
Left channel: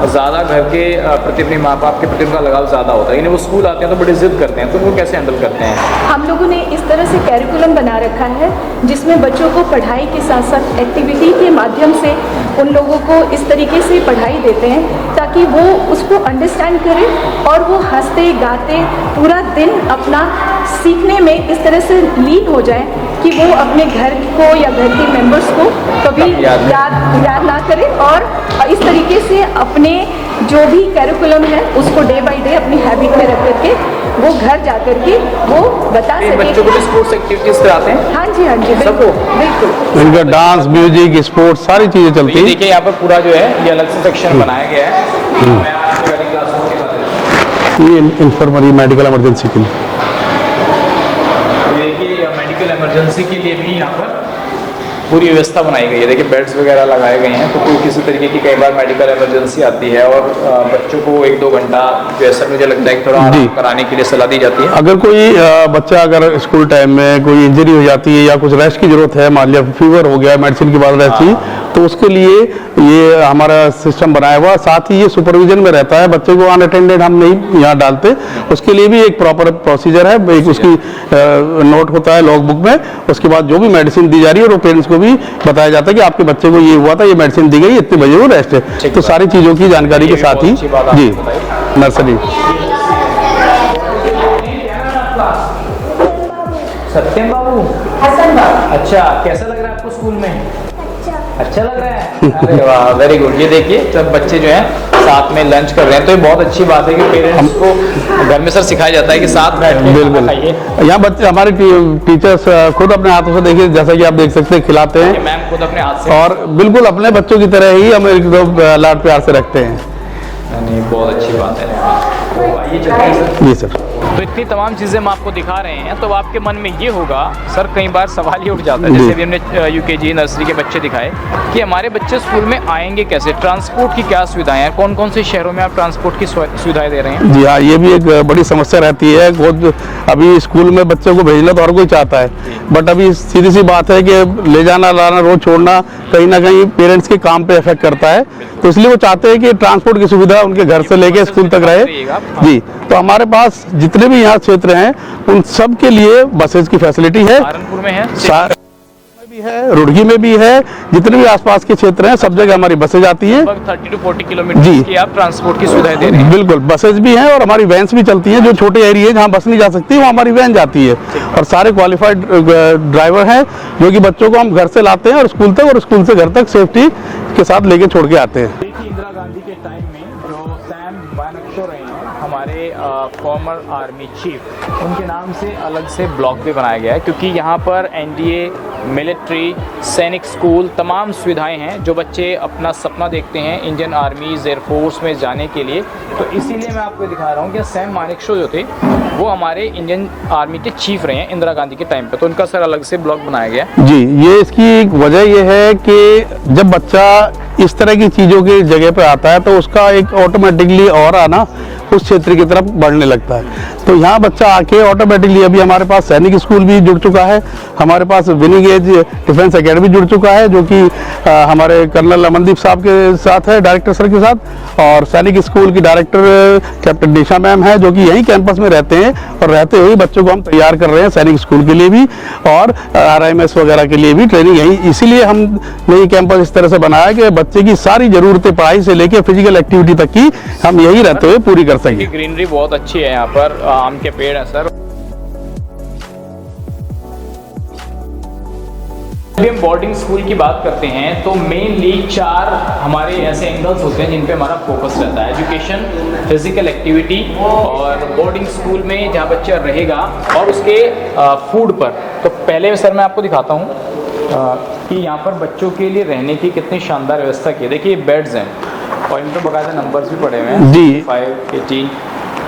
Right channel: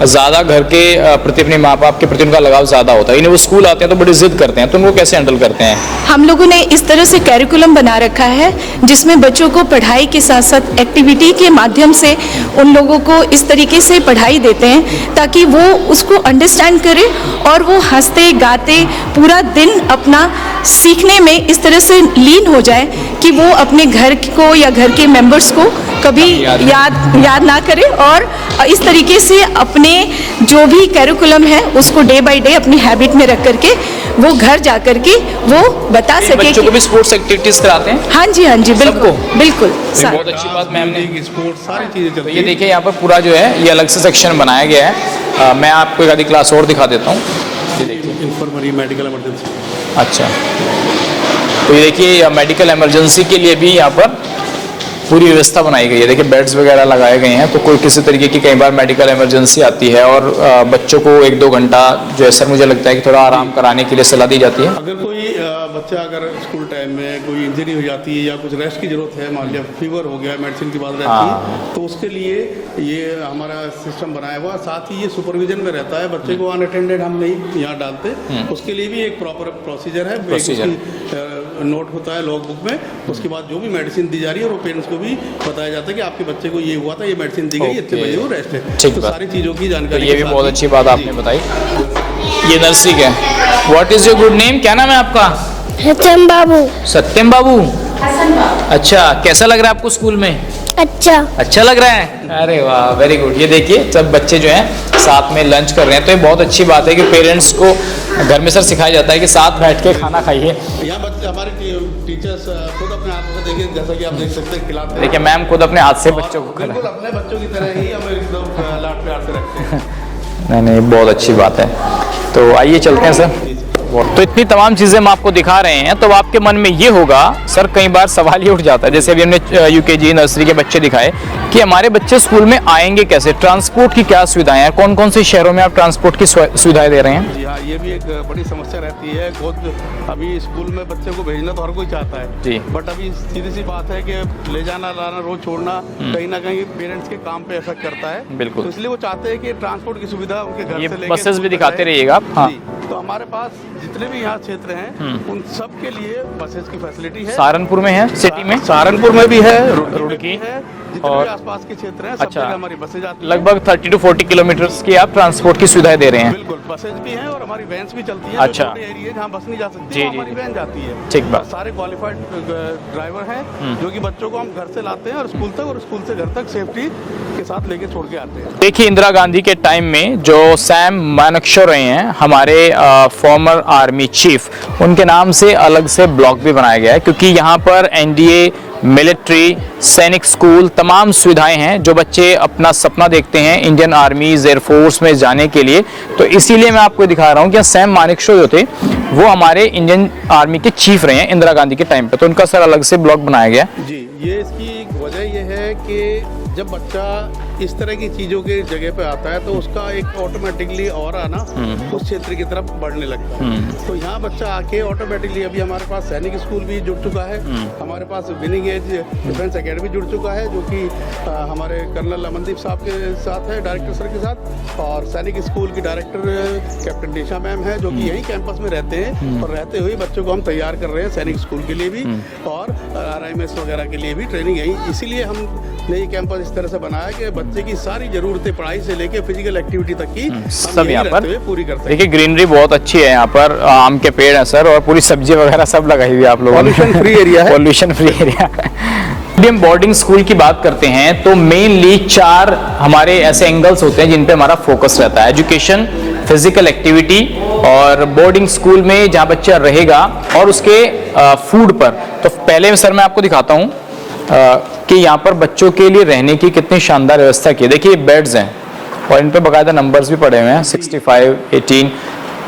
ज़्यादा घर के प्रति, अपने माँ बाप के प्रति उनका लगाव ज़्यादा होता है। इन्हें वो स्कूल आते हैं तो बड़ी जिद करते हैं, तो उनको कैसे हैंडल करते हैं? हम लोगों ने इस तरह से कैरिकुलम बना रखा है जिसमें बच्चों को पढ़ाई के साथ साथ एक्टिविटी के माध्यम से उन लोगों को इस तरीके से पढ़ाई देते हैं ताकि वो उसको अंडरस्टैंड करें और वो हंसते गाते पूरा दिन अपना सीखने में इस तरह से लीन हो जाए कि वो अपने घर को या घर के मेंबर्स को कभी याद ना करें और इस तरीके से अपने जो भी कैरिकुलम है उसको डे बाय डे अपनी हैबिट में रख करके वो घर जा करके वो बता सके। बच्चों को भी स्पोर्ट्स एक्टिविटीज कराते हैं? हाँ जी, हाँ जी, बिल्कुल बिल्कुल। इनका डांस, म्यूजिक, स्पोर्ट्स सारी चीजें चलती ये है। देखिए यहाँ पर पूरा जो है ये अलग से सेक्शन बनाया गया है। मैं आपको एक आधी क्लास और दिखा देता हूँ। ये इंफर्मरी मेडिकल इमरजेंसी के लिए। अच्छा, तो देखिए मेडिकल इमरजेंसी के लिए भी यहाँ पर पूरी व्यवस्था बनाई गई है। देखिए बेड्स वगैरह लगाए गए हैं, तो कोई किसी तरीके की कई बार मेडिकल इमरजेंसी आती है और बच्चों को 1-2 घंटा जो है सर मुझे लगता है कि थोड़ा आराम कराने के लिए सलाह दी जाती है। अगर कोई बच्चा अगर स्कूल टाइम में कोई इंजरी हो जाती है या कुछ रेस्ट की जरूरत है, मान लिया फीवर हो गया, मेडिसिन की बात रहती है, तो उसके लिए ये हमारा सिस्टम बनाया हुआ। साथ ही ये सुपरविजन में रहता है, बच्चे को अनअटेंडेड हम नहीं यहाँ डालते, उसके लिए भी एक प्रॉपर प्रोसीजर है। एक उसकी नोट होता है लॉग बुक में, उसके बाद जो भी मेडिसिन दी जा रही है और पेरेंट्स को भी बताया जाता है कि आपके बच्चे को ये हुआ था, ये मेडिसिन दी गई, इतने बजे वो रेस्ट है। तो सारी चीजों की जानकारी के साथ ही। अच्छी बात आपने बताई। नर्सरी, ये नर्सरी का है। What is your good name? क्या नाम है आपका? सत्यम बाबू। सत्यम बाबू। अच्छा, कैसा लग रहा है आपको स्कूल में? अच्छा लग रहा है? अरे वाह, वेरी गुड। ये देखिए सब बच्चे जो हैं साथ में लंच कर रहे हैं, तो ये बहुत अच्छी बात है कि पेरेंट्स को घर में सर सिखाया जाता है कि साथ बैठ के खाना खाइए। यहाँ बच्चे हमारे टीचर्स खुद अपने हाथों से देखिए, जैसा कि आप देख सकते हैं, खिलाते हैं। मैम खुद अपने हाथ से और बिल्कुल अपने बच्चों की तरह ही हमें लाड प्यार से रखते हैं। नहीं, बहुत अच्छी बात है। तो आइए चलते हैं सर। जी सर। तो इतनी तमाम चीजें हम आपको दिखा रहे हैं, तो आपके मन में ये होगा सर, कई बार सवाल ये उठ जाता है, जैसे अभी हमने यूकेजी नर्सरी के बच्चे दिखाए कि हमारे बच्चे स्कूल में आएंगे कैसे, ट्रांसपोर्ट की क्या सुविधाएं हैं, कौन कौन से शहरों में आप ट्रांसपोर्ट की सुविधाएं दे रहे हैं? जी हाँ, ये भी एक बड़ी समस्या रहती है। बहुत अभी स्कूल में बच्चों को भेजना तो हर कोई चाहता है, बट अभी सीधी सी बात है कि ले जाना लाना रोज छोड़ना कहीं ना कहीं पेरेंट्स के काम पे इफेक्ट करता है। तो इसलिए वो चाहते हैं कि ट्रांसपोर्ट की सुविधा उनके घर से लेके स्कूल तक रहे। हाँ। जी, तो हमारे पास जितने भी यहाँ क्षेत्र हैं उन सब के लिए बसेज की फैसिलिटी है। सहारनपुर में है, सहारनपुर में भी है, रुड़की में भी है, जितने भी आसपास के क्षेत्र हैं सब जगह हमारी बसेज आती हैं। लगभग 30 to 40 किलोमीटर की आप ट्रांसपोर्ट की सुविधाएं दे रहे हैं। बिल्कुल, बसेज भी हैं और हमारी वैन्स भी चलती हैं। जो छोटे एरिया जहाँ बस नहीं जा सकती वहाँ हमारी वैन जाती है, और सारे क्वालिफाइड ड्राइवर हैं जो कि बच्चों को हम घर से लाते हैं और स्कूल तक, और स्कूल से घर तक सेफ्टी के साथ लेके छोड़ के आते हैं। देखिए, इंदिरा गांधी के टाइम में जो सैम मानेकशॉ रहे हैं हमारे फॉर्मर आर्मी चीफ, उनके नाम से अलग से ब्लॉक भी बनाया गया है, क्योंकि यहाँ पर एनडीए, मिलिट्री, सैनिक स्कूल, तमाम सुविधाएं हैं। जो बच्चे अपना सपना देखते हैं इंडियन आर्मीज, एयरफोर्स में जाने के लिए, तो इसीलिए मैं आपको दिखा रहा हूँ कि सैम मानेकशॉ जो थे वो हमारे इंडियन आर्मी के चीफ रहे हैं इंदिरा गांधी के टाइम पे, तो उनका सर अलग से ब्लॉक बनाया गया है। जी, ये इसकी एक वजह ये है कि जब बच्चा इस तरह की चीजों की जगह पे आता है तो उसका एक ऑटोमेटिकली और आना उस क्षेत्र की तरफ बढ़ने लगता है। तो यहाँ बच्चा आके ऑटोमेटिकली, अभी हमारे पास सैनिक स्कूल भी जुड़ चुका है, हमारे पास विनिंग एज डिफेंस एकेडमी जुड़ चुका है जो कि हमारे कर्नल अमनदीप साहब के साथ है, डायरेक्टर सर के साथ, और सैनिक स्कूल की डायरेक्टर कैप्टन निशा मैम है जो कि यहीं कैंपस में रहते हैं, और रहते हुए बच्चों को हम तैयार कर रहे हैं सैनिक स्कूल के लिए भी और RIMS वगैरह के लिए भी ट्रेनिंग यहीं। इसीलिए हमने ये कैंपस इस तरह से बनाया कि बच्चे की सारी जरूरतें पढ़ाई से लेकर फिजिकल एक्टिविटी तक की हम यहीं रहते हुए पूरी कर सकें। ग्रीनरी बहुत अच्छी है यहाँ पर, आम के पेड़ है सर, और पूरी सब्जी वगैरह सब लगाई हुई है आप लोगों ने। पॉल्यूशन फ्री एरिया है। Pollution free area. हम बोर्डिंग स्कूल की बात करते हैं तो मेनली 4 हमारे ऐसे एंगल्स होते हैं जिन पे हमारा फोकस रहता है: एजुकेशन, फिजिकल एक्टिविटी, और बोर्डिंग स्कूल में जहाँ बच्चा रहेगा, और उसके फूड पर। तो पहले सर मैं आपको दिखाता हूँ कि यहाँ पर बच्चों के लिए रहने की कितनी शानदार व्यवस्था की है। देखिए, बेड्स हैं और इन पे बाकायदा नंबर्स भी पड़े हुए हैं, 65, 18।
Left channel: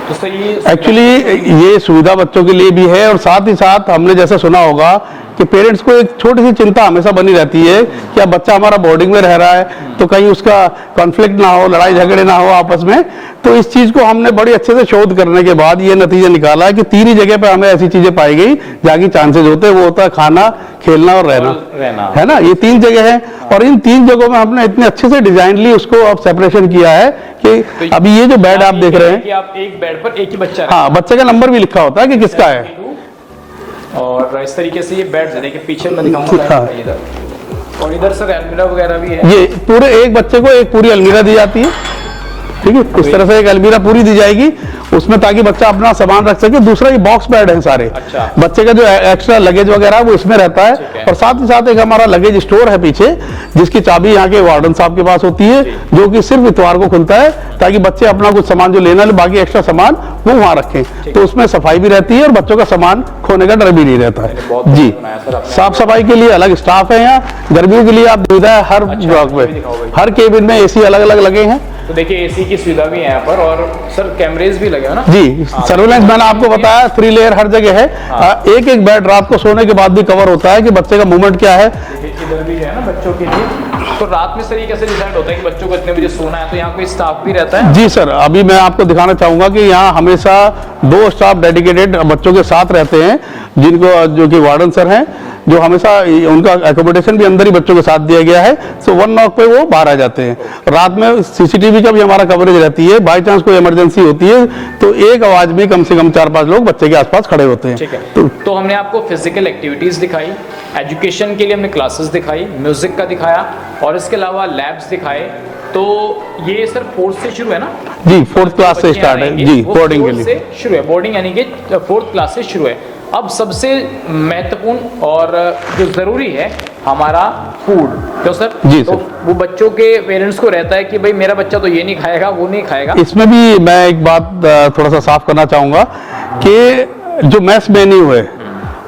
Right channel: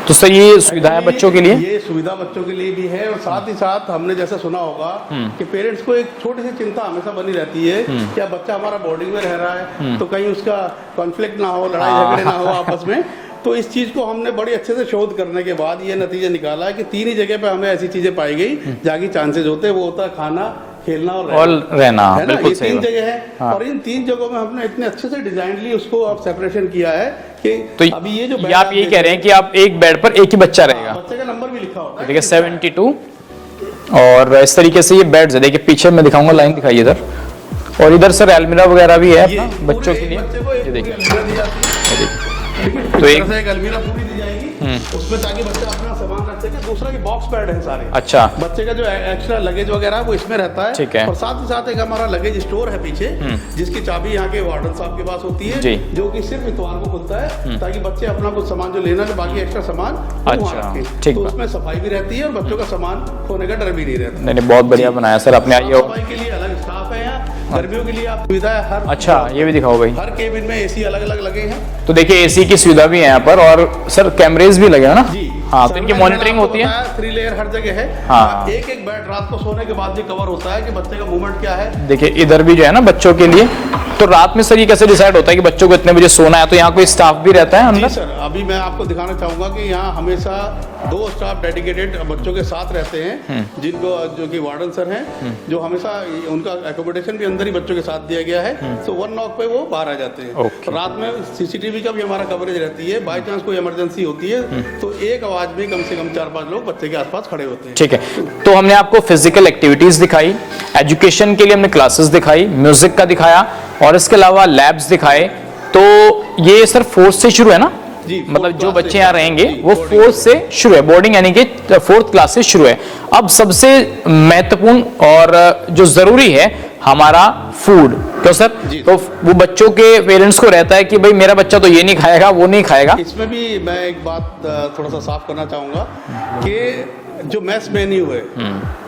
तो सर ये एक्चुअली ये सुविधा बच्चों के लिए भी है, और साथ ही साथ हमने जैसे सुना होगा कि पेरेंट्स को एक छोटी सी चिंता हमेशा बनी रहती है कि अब बच्चा हमारा बोर्डिंग में रह रहा है तो कहीं उसका कॉन्फ्लिक्ट ना हो, लड़ाई झगड़े ना हो आपस में। तो इस चीज को हमने बड़ी अच्छे से शोध करने के बाद ये नतीजा निकाला कि 3 ही जगह पे हमें ऐसी चीजें पाई गई जहाँ की चांसेस होते हैं, वो होता है खाना, खेलना और रहना, है ना। ये 3 जगह है, और इन 3 जगहों में हमने इतने अच्छे से डिजाइनली उसको अब सेपरेशन किया है कि तो अभी ये जो बेड आप देख रहे हैं कि आप एक बेड पर एक ही बच्चा हाँ, बच्चे का नंबर भी लिखा होता है कि किसका है। 72, और इस तरीके से ये बेड्स है। देखिए पीछे मैं दिखाऊंगा, लाइन दिखाइए इधर, और इधर सर अलमीरा वगैरह भी है। ये पूरे एक बच्चे को एक पूरी अलमीरा दी जाती है, ठीक है। इस तरह से एक अलमीरा पूरी दी जाएगी उसमें, ताकि बच्चा अपना सामान रख सके। दूसरा ये बॉक्स बेड है सारे। अच्छा। बच्चे का जो एक्स्ट्रा लगेज वगैरह वो इसमें रहता है, और साथ ही साथ एक हमारा लगेज स्टोर है पीछे, जिसकी चाबी यहाँ के वार्डन साहब के पास होती है, जो कि सिर्फ इतवार को खुलता है, ताकि बच्चे अपना कुछ सामान जो लेना है, बाकी एक्स्ट्रा सामान वो वहाँ रखें। तो उसमें सफाई भी रहती है और बच्चों का सामान खोने का डर भी नहीं रहता है। बहुत बढ़िया बनाया सर। अपने साफ सफाई के लिए अलग स्टाफ है यहाँ, गर्मियों के लिए आप सुविधा है हर ब्लॉक में, हर केबिन में AC अलग अलग लगे हैं। तो देखिए AC की सुविधा भी है यहाँ पर, और सर कैमरेज भी लगे हैं ना जी। सर्विलेंस मैंने आपको बताया 3 लेयर हर जगह है। एक एक बेड रात को सोने के बाद भी कवर होता है कि बच्चे का मूवमेंट क्या है। देखिए इधर भी जो है ना बच्चों के लिए, तो रात में सर ये कैसे डिसाइड होता है कि बच्चों को इतने बजे सोना है? तो यहाँ कोई स्टाफ भी रहता है? जी सर, अभी मैं आपको दिखाना चाहूंगा कि यहाँ हमेशा 2 स्टाफ डेडिकेटेड बच्चों के साथ रहते हैं, जिनको जो कि वार्डन सर हैं, जो हमेशा उनका एकोमोडेशन भी अंदर ही बच्चों के साथ दिया गया है। तो 1 नॉक पे वो बाहर आ जाते हैं। रात में CCTV का भी हमारा कवरेज रहती है, बाई चांस कोई इमरजेंसी होती है तो एक आवाज में कम से कम 4-5 लोग बच्चे के आसपास खड़े होते हैं। ठीक है। तो हमने आपको फिजिकल एक्टिविटीज दिखाई, एजुकेशन के लिए हमने क्लासेस दिखाई, म्यूजिक का दिखाया, और इसके अलावा लैब्स दिखाए। तो ये सर 4th से शुरू है ना? जी, 4th क्लास से स्टार्ट है जी, बोर्डिंग से शुरू है। बोर्डिंग यानी कि 4th क्लास से शुरू है। अब सबसे महत्वपूर्ण और जो जरूरी है हमारा फूड, तो सर जी तो वो बच्चों के पेरेंट्स को रहता है कि भाई मेरा बच्चा तो ये नहीं खाएगा, वो नहीं खाएगा। इसमें भी मैं एक बात थोड़ा सा साफ करना चाहूंगा कि जो मेस मेन्यू है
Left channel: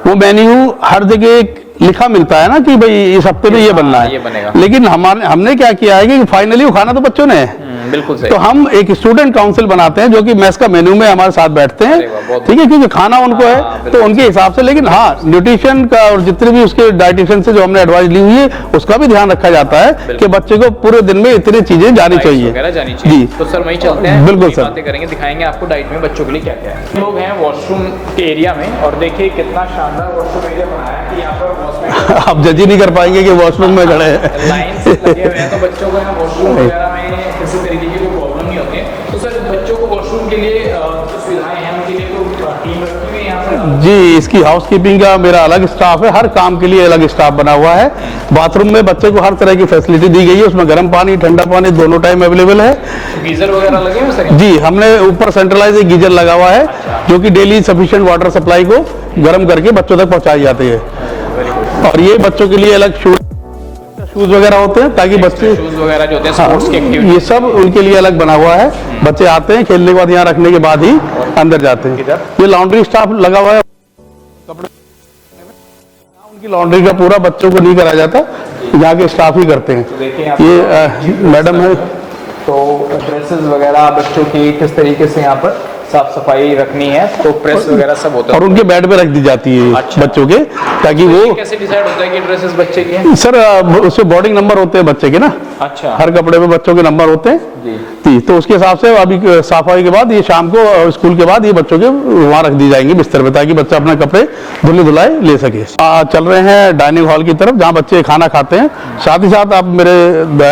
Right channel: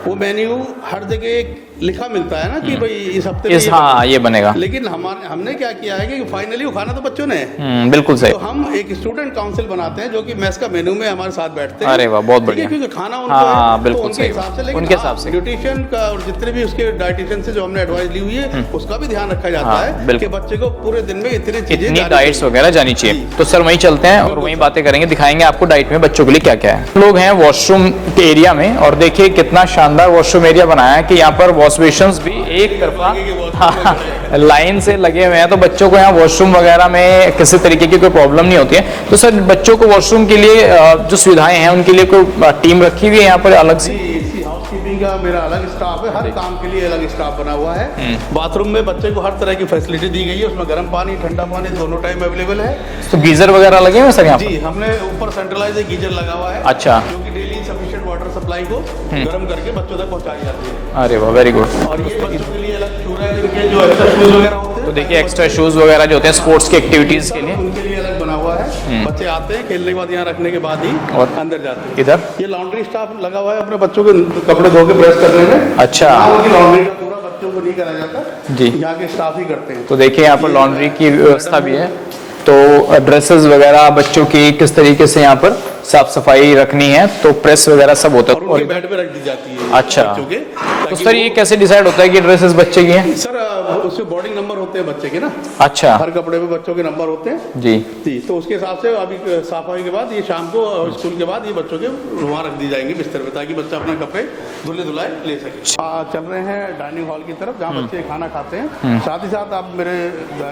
वो मेन्यू हर जगह लिखा मिलता है ना कि भाई इस हफ्ते में ये बनना है, ये बनेगा। लेकिन हमने क्या किया है कि फाइनली वो खाना तो बच्चों ने है। बिल्कुल सही। तो हम एक स्टूडेंट काउंसिल बनाते हैं जो कि मेस का मेन्यू में हमारे साथ बैठते अरे वाह, बहुत हैं, ठीक है, क्योंकि खाना उनको हाँ, है तो बिल्कुल उनके सही। हिसाब से। लेकिन हाँ, न्यूट्रिशन का और जितने भी उसके डाइटिशियन से जो हमने एडवाइस ली हुई है उसका भी ध्यान रखा जाता है कि बच्चे को पूरे दिन में इतनी चीजें जानी चाहिए, जानी चाहिए। तो सर वहीं चलते हैं, बिल्कुल वहीं सर। बातें करेंगे, दिखाएंगे आपको डाइट में बच्चों के लिए क्या क्या है। लोग हैं वॉशरूम के एरिया में और देखिए कितना शानदार वॉशरूम एरिया बनाया है कि यहाँ पर वॉश बेसिन आप जज ही नहीं कर पाएंगे कि वॉशरूम में खड़े हैं। लाइन से लगे हुए हैं, तो बच्चों को यहाँ वॉशरूम वगैरह में किसी तरीके की कोई प्रॉब्लम नहीं होती है। तो सर बच्चों को वॉशरूम के लिए जो सुविधाएं हैं उनके लिए कोई टीम रखी हुई है यहाँ पर अलग? जी, इसकी हाउसकीपिंग का मेरा अलग स्टाफ है, हर काम के लिए अलग स्टाफ बना हुआ है। बाथरूम में बच्चे को हर तरह की फैसिलिटी दी गई है, उसमें गर्म पानी ठंडा पानी दोनों टाइम अवेलेबल है। तो गीजर वगैरह लगे हुए सर? जी, हमने ऊपर सेंट्रलाइज एक गीजर लगा हुआ है। अच्छा। जो कि डेली सफिशिएंट वाटर सप्लाई को गर्म करके बच्चों तक पहुंचाई जाती है। अरे वाह, वेरी गुड। और ये बच्चों के लिए अलग शूज जो एक्स्ट्रा शूज वगैरह होते हैं ताकि बच्चे शूज वगैरह जो होते हैं स्पोर्ट्स की ये एक्टिविटी सब उनके लिए अलग बना हुआ है। बच्चे आते हैं, खेलने के बाद यहाँ रखने के बाद ही अंदर जाते हैं। इधर? ये लॉन्ड्री स्टाफ लगा हुआ है अपने बच्चों के कपड़े धो के प्रेस करने में। अच्छा। लॉन्ड्री का पूरा बच्चों को नहीं कराया जाता, यहाँ के स्टाफ ही करते हैं। तो देखिए यहाँ पर लॉन्ड्री की मैडम व्यवस्था भी है। है। तो ड्रेसेस वगैरह बच्चों की किस तरीके से यहाँ पर साफ सफाई रखनी है, तो प्रेस वगैरह सब होता है और उनके बेड पे रख दी जाती है। अच्छा। बच्चों के, ताकि सर ये वो कैसे डिसाइड होता है कि ड्रेसेस बच्चे की हैं? सर उसमें बोर्डिंग नंबर होते हैं बच्चे के ना, अच्छा। हर कपड़े पे बच्चों के नंबर होते हैं जी। तो उसके हिसाब से अभी सफाई के बाद ये शाम को स्कूल के बाद ये बच्चों के वहाँ रख दी जाएंगे बिस्तर पे, ताकि बच्चा अपने कपड़े धुले धुलाए ले सके। चल रहे हैं डाइनिंग हॉल की तरफ जहाँ बच्चे खाना खाते हैं। साथ ही साथ आप मेरे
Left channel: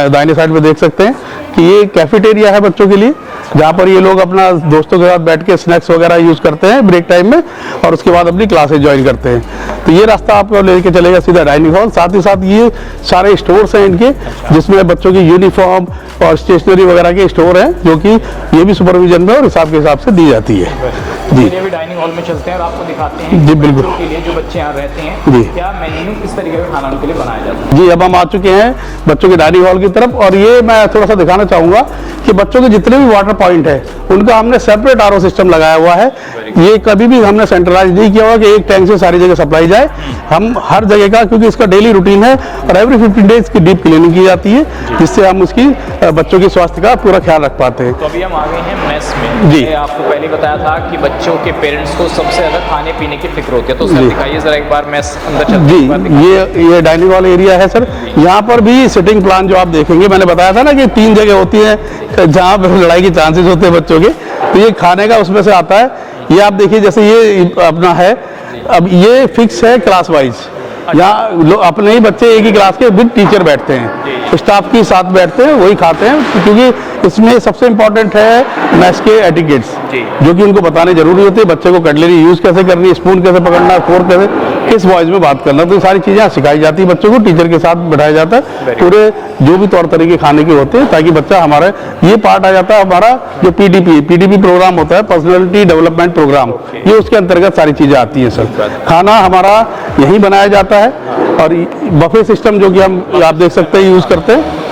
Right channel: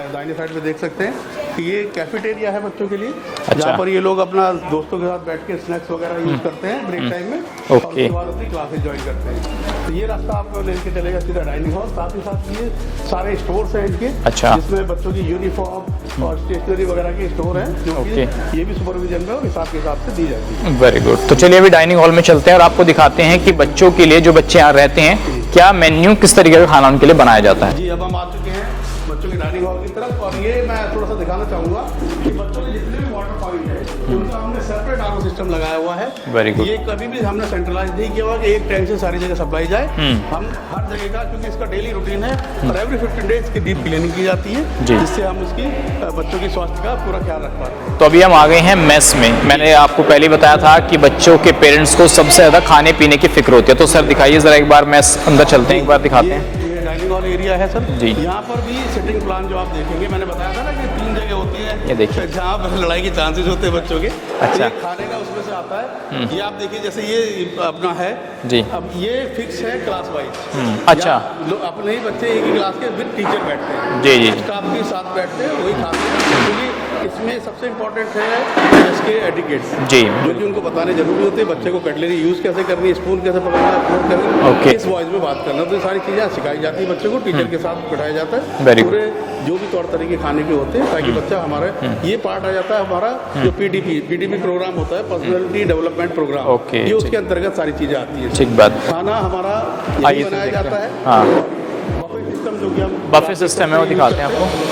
दाहिने साइड पे देख सकते हैं कि ये कैफेटेरिया है बच्चों के लिए, जहाँ पर ये लोग अपना दोस्तों के साथ बैठ के स्नैक्स वगैरह यूज करते हैं ब्रेक टाइम में, और उसके बाद अपनी क्लासेस ज्वाइन करते हैं। तो ये रास्ता आपको लेके चलेगा सीधा डाइनिंग हॉल। साथ ही साथ ये सारे स्टोर्स हैं इनके, जिसमें बच्चों की यूनिफॉर्म और स्टेशनरी वगैरह के स्टोर हैं, जो कि ये भी सुपरविजन में और हिसाब के हिसाब से दी जाती है। Very good. तो चलिए अभी डाइनिंग हॉल में चलते हैं और आपको दिखाते हैं कि बच्चों के लिए, जो बच्चे यहाँ रहते हैं, क्या मेन्यू किस तरीके का खाना उनके लिए बनाया जाता है। जी, अब हम आ चुके हैं बच्चों के डाइनिंग हॉल की तरफ, और ये मैं थोड़ा सा दिखाना चाहूंगा कि बच्चों के जितने भी वाटर पॉइंट है उनका हमने सेपरेट आरओ सिस्टम लगाया हुआ है। ये कभी भी हमने सेंट्रलाइज नहीं किया हुआ कि एक टैंक से सारी जगह सप्लाई जाए। हम हर जगह का, क्योंकि इसका डेली रूटीन है और एवरी 15 डेज की डीप क्लीनिंग की जाती है, जिससे हम उसकी बच्चों की स्वास्थ्य का पूरा ख्याल रख पाते हैं। तो अभी हम आ गए हैं मेस में। मैंने आपको पहले बताया था कि बच्चों के पेरेंट्स को सबसे ज्यादा खाने पीने की फिक्र होती है। तो सर दिखाइए जरा एक बार मेस अंदर चलते हैं, एक बार दिखाते हैं। ये डाइनिंग हॉल एरिया है सर। यहाँ पर भी सिटिंग प्लान जो आप देखेंगे, मैंने बताया था ना कि 3 जगह होती है जहाँ पर लड़ाई के चांसेस होते हैं बच्चों के, तो ये खाने का उसमें से आता है। ये आप देखिए, जैसे ये अपना है, अब ये फिक्स है क्लास वाइज। यहाँ अपने ही बच्चे एक ही क्लास के विद टीचर बैठते हैं, स्टाफ के साथ बैठते हैं, वही खाते हैं, क्योंकि इसमें सबसे इम्पोर्टेंट है मैथ्स के एटिकेट्स, जो कि उनको बताने जरूरी होते हैं। बच्चे को कटलरी यूज कैसे करनी है, स्पून कैसे पकड़ना, फोर्क कैसे, किस वॉइस में बात करना, तो ये सारी चीजें सिखाई जाती है बच्चों को, टीचर के साथ बैठाया जाता है। पूरे जो भी तौर तरीके खाने के होते हैं, ताकि बच्चा हमारा, ये पार्ट आ जाता है हमारा जो पीडीपी प्रोग्राम होता है, पर्सनैलिटी डेवलपमेंट प्रोग्राम, ये उसके अंतर्गत सारी चीजें आती है। खाना हमारा यही बनाया जाता है, और बफे सिस्टम जो कि हम आप देख सकते हैं यूज करते हैं।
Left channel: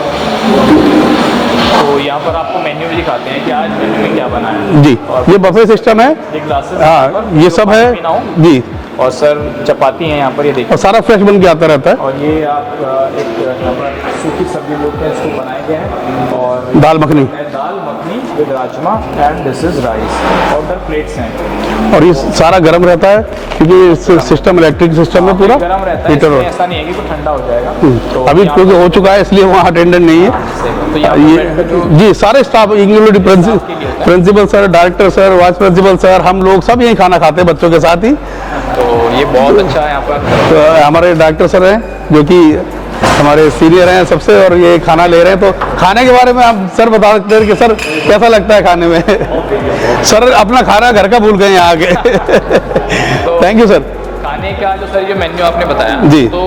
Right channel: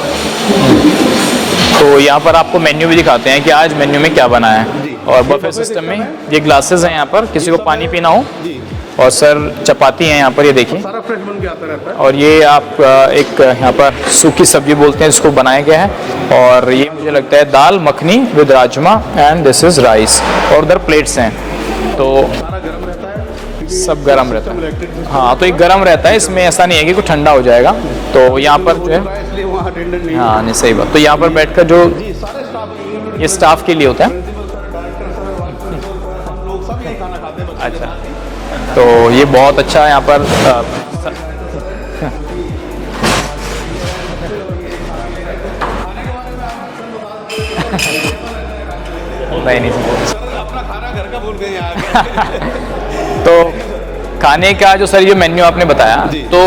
तो यहाँ पर आपको मेन्यू भी दिखाते हैं कि आज मेन्यू में क्या बना है। जी, और ये बफे सिस्टम है, ये ग्लासेस है यहाँ पर, ये सब है पीना हो जी। और सर चपाती है यहाँ पर, ये देखिए, सारा फ्रेश बन के आता रहता है। और ये आप एक यहाँ पर सूखी सब्जी बोलते हैं इसको, बनाया गया है। और दाल मखनी लगता है dal makhani with rajma, and this is rice, और उधर प्लेट्स हैं। और ये सारा गर्म रहता है, क्योंकि सिस्टम इलेक्ट्रिक सिस्टम है, तो ये गर्म रहता है, इसमें ऐसा नहीं है कि कुछ ठंडा हो जाएगा। तो अभी क्योंकि हो चुका है, इसलिए वहाँ अटेंडेंट नहीं है। हाँ, सही बात। तो यहाँ पर बैठकर जो जी सारे स्टाफ स्टाफ के लिए होता है, principal sir, director sir, vice principal sir, हम लोग सब यही खाना खाते हैं बच्चों के साथ ही। तो ये बहुत अच्छा है। यहाँ पर हमारे डायरेक्टर सर हैं, जो कि हमारे सीनियर हैं सबसे, और ये खाना ले रहे हैं। तो खाने के बारे में आप सर बता सकते हैं कि सर कैसा लगता है खाने में? सर अपना खाना घर का भूल गए यहाँ आके। तो थैंक यू सर। खाने का जो सर ये मेन्यू आपने बताया, जी। तो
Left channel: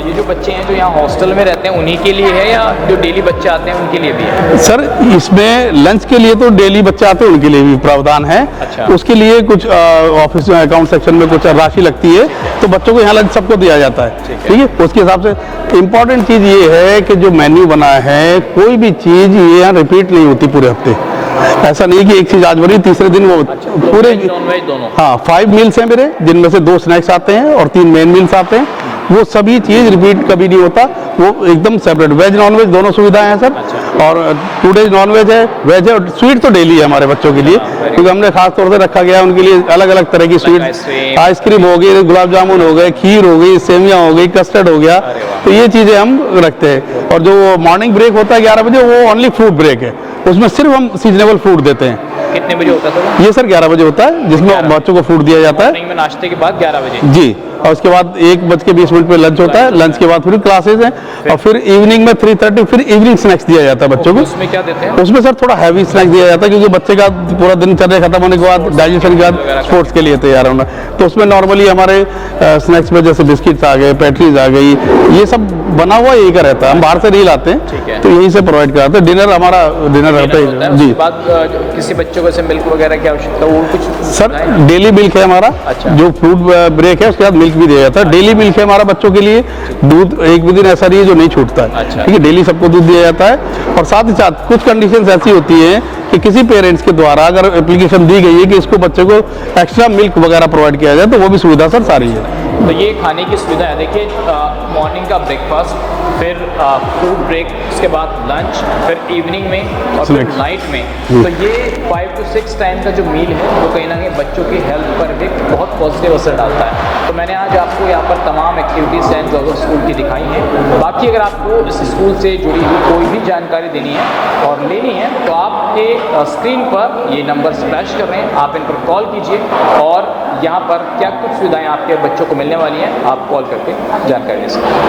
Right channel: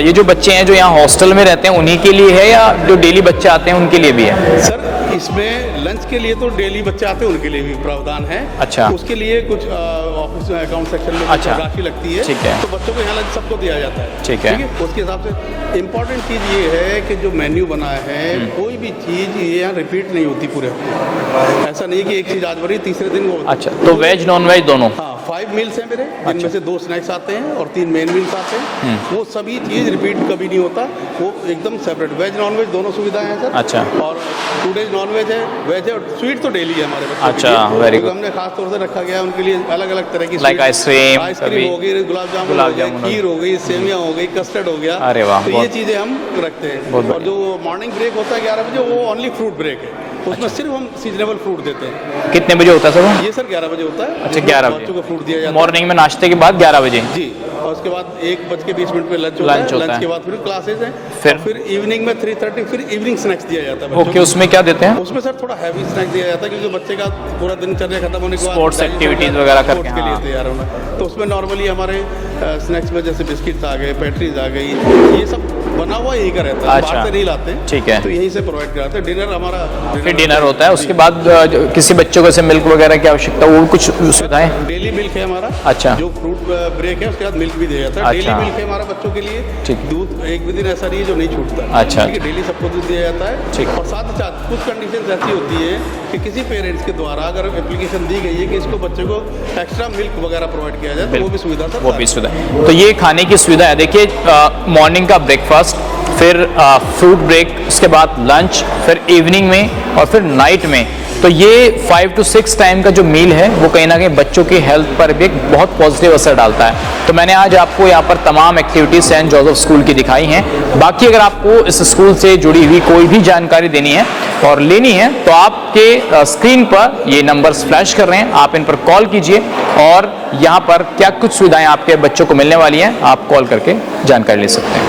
ये जो बच्चे हैं जो यहाँ हॉस्टल में रहते हैं उन्हीं के लिए है, या जो डेली बच्चे आते हैं उनके लिए भी है? सर इसमें लंच के लिए तो डेली बच्चे आते हैं उनके लिए भी प्रावधान है। अच्छा। उसके लिए कुछ ऑफिस में अकाउंट सेक्शन में कुछ राशि लगती है, तो बच्चों को यहाँ लंच सबको दिया जाता है। ठीक है, उसके हिसाब से इम्पोर्टेंट चीज ये है कि जो मेन्यू बना है, कोई भी चीज ये यहाँ रिपीट नहीं होती पूरे हफ्ते। ऐसा नहीं कि एक चीज आज बनी तीसरे दिन वो अच्छा, तो वेज नॉन वेज दोनों? हाँ, 5 मील्स हैं मेरे, जिनमें से 2 स्नैक्स आते हैं और 3 मेन मील्स आते हैं। वो सभी चीज रिपीट कभी नहीं होता, वो एकदम सेपरेट, वेज नॉन वेज दोनों सुविधाएं हैं सर। अच्छा। और 2 डेज नॉन वेज है, वेज है, और स्वीट तो डेली है हमारे बच्चों के लिए, क्योंकि हमने खास तौर से रखा गया है उनके लिए अलग अलग तरह की स्वीट, आइसक्रीम हो गई, गुलाब जामुन हो गए, खीर हो गई, सेवियां हो गई, कस्टर्ड हो गया, तो ये चीजें हम रखते हैं। और जो मॉर्निंग ब्रेक होता है 11 बजे, वो ओनली फ्रूट ब्रेक है, उसमें सिर्फ हम सीजनेबल फ्रूट देते हैं। कितने बजे होता है सर वो? ये सर 11 बजे होता है, जिसमें बच्चों को फ्रूट दिया जाता है मॉर्निंग में नाश्ते के बाद 11 बजे जी। और उसके बाद 1:20 पे लंच होता है, लंच के बाद फिर क्लासेज हैं, और फिर इवनिंग में 3:30 फिर इवनिंग स्नैक्स दिया जाता है बच्चों को। उसमें क्या देते हैं? उसमें सर थोड़ा हैवी स्नैक्स दिया जाता है, क्योंकि बच्चे का पूरा दिनचर्या खत्म होने के बाद डाइजेशन के बाद स्पोर्ट्स के लिए तैयार होना, तो उसमें नॉर्मली हमारे स्नैक्स में जैसे बिस्किट्स आ गए, पैट्रीज आ गई, ये सब बना हुआ यही का रहता है, हम बाहर से नहीं लाते हैं, ठीक है, तो यहीं से प्रोवाइड कराते हैं। डिनर हमारा डिनर होता है, उसके बाद किसी बच्चों को मिल्क वगैरह की आवश्यकता, वो कुछ सर डेली मिल्क है हमारा। अच्छा। जो फ्रूट ब्रेक है उसके बाद मिल्क भी दिया जाता है। डेली मिल्क है हमारा बच्चों के लिए, दूध एक भी दिन ऐसा नहीं है जो नहीं छूटता है। अच्छा। ठीक है, डेली सबको दूध दिया जाता है। और साथ ही साथ कुछ कंडीशंस ऐसी होती हैं कि किसी पेरेंट्स के द्वारा अगर एप्लीकेशन दी गई है कि इसको बच्चे को एक्स्ट्रा मिल्क वगैरह प्रोवाइड किया जाए, तो वो भी सुविधा सर सारी है। तो ये खाने की सुविधा है। देखिए, मॉर्निंग का ब्रेकफास्ट, फिर फ्रूट ब्रेक, उसके बाद लंच, फिर इवनिंग में, और फिर नाइट में, तो ये 5 to 6 टाइम का जो मील है वो कहीं ना कहीं बच्चों की हेल्थ पर भी एक बहुत पॉजिटिव असर डालता है। तो मैंने आज आपको यहाँ पर तमाम एक्टिविटीज सेंट जोसेफ स्कूल की दिखाई हैं। बाकी अगर आपको इस स्कूल से जुड़ी हुई कोई भी जानकारी देनी है और लेनी है, तो आपके स्क्रीन पर ये नंबर्स फ्लैश कर रहे हैं, आप इन पर कॉल कीजिए, और यहाँ पर क्या कुछ सुविधाएं आपके बच्चों को मिलने वाली हैं, आप कॉल करके जानकारी ले सकते हैं।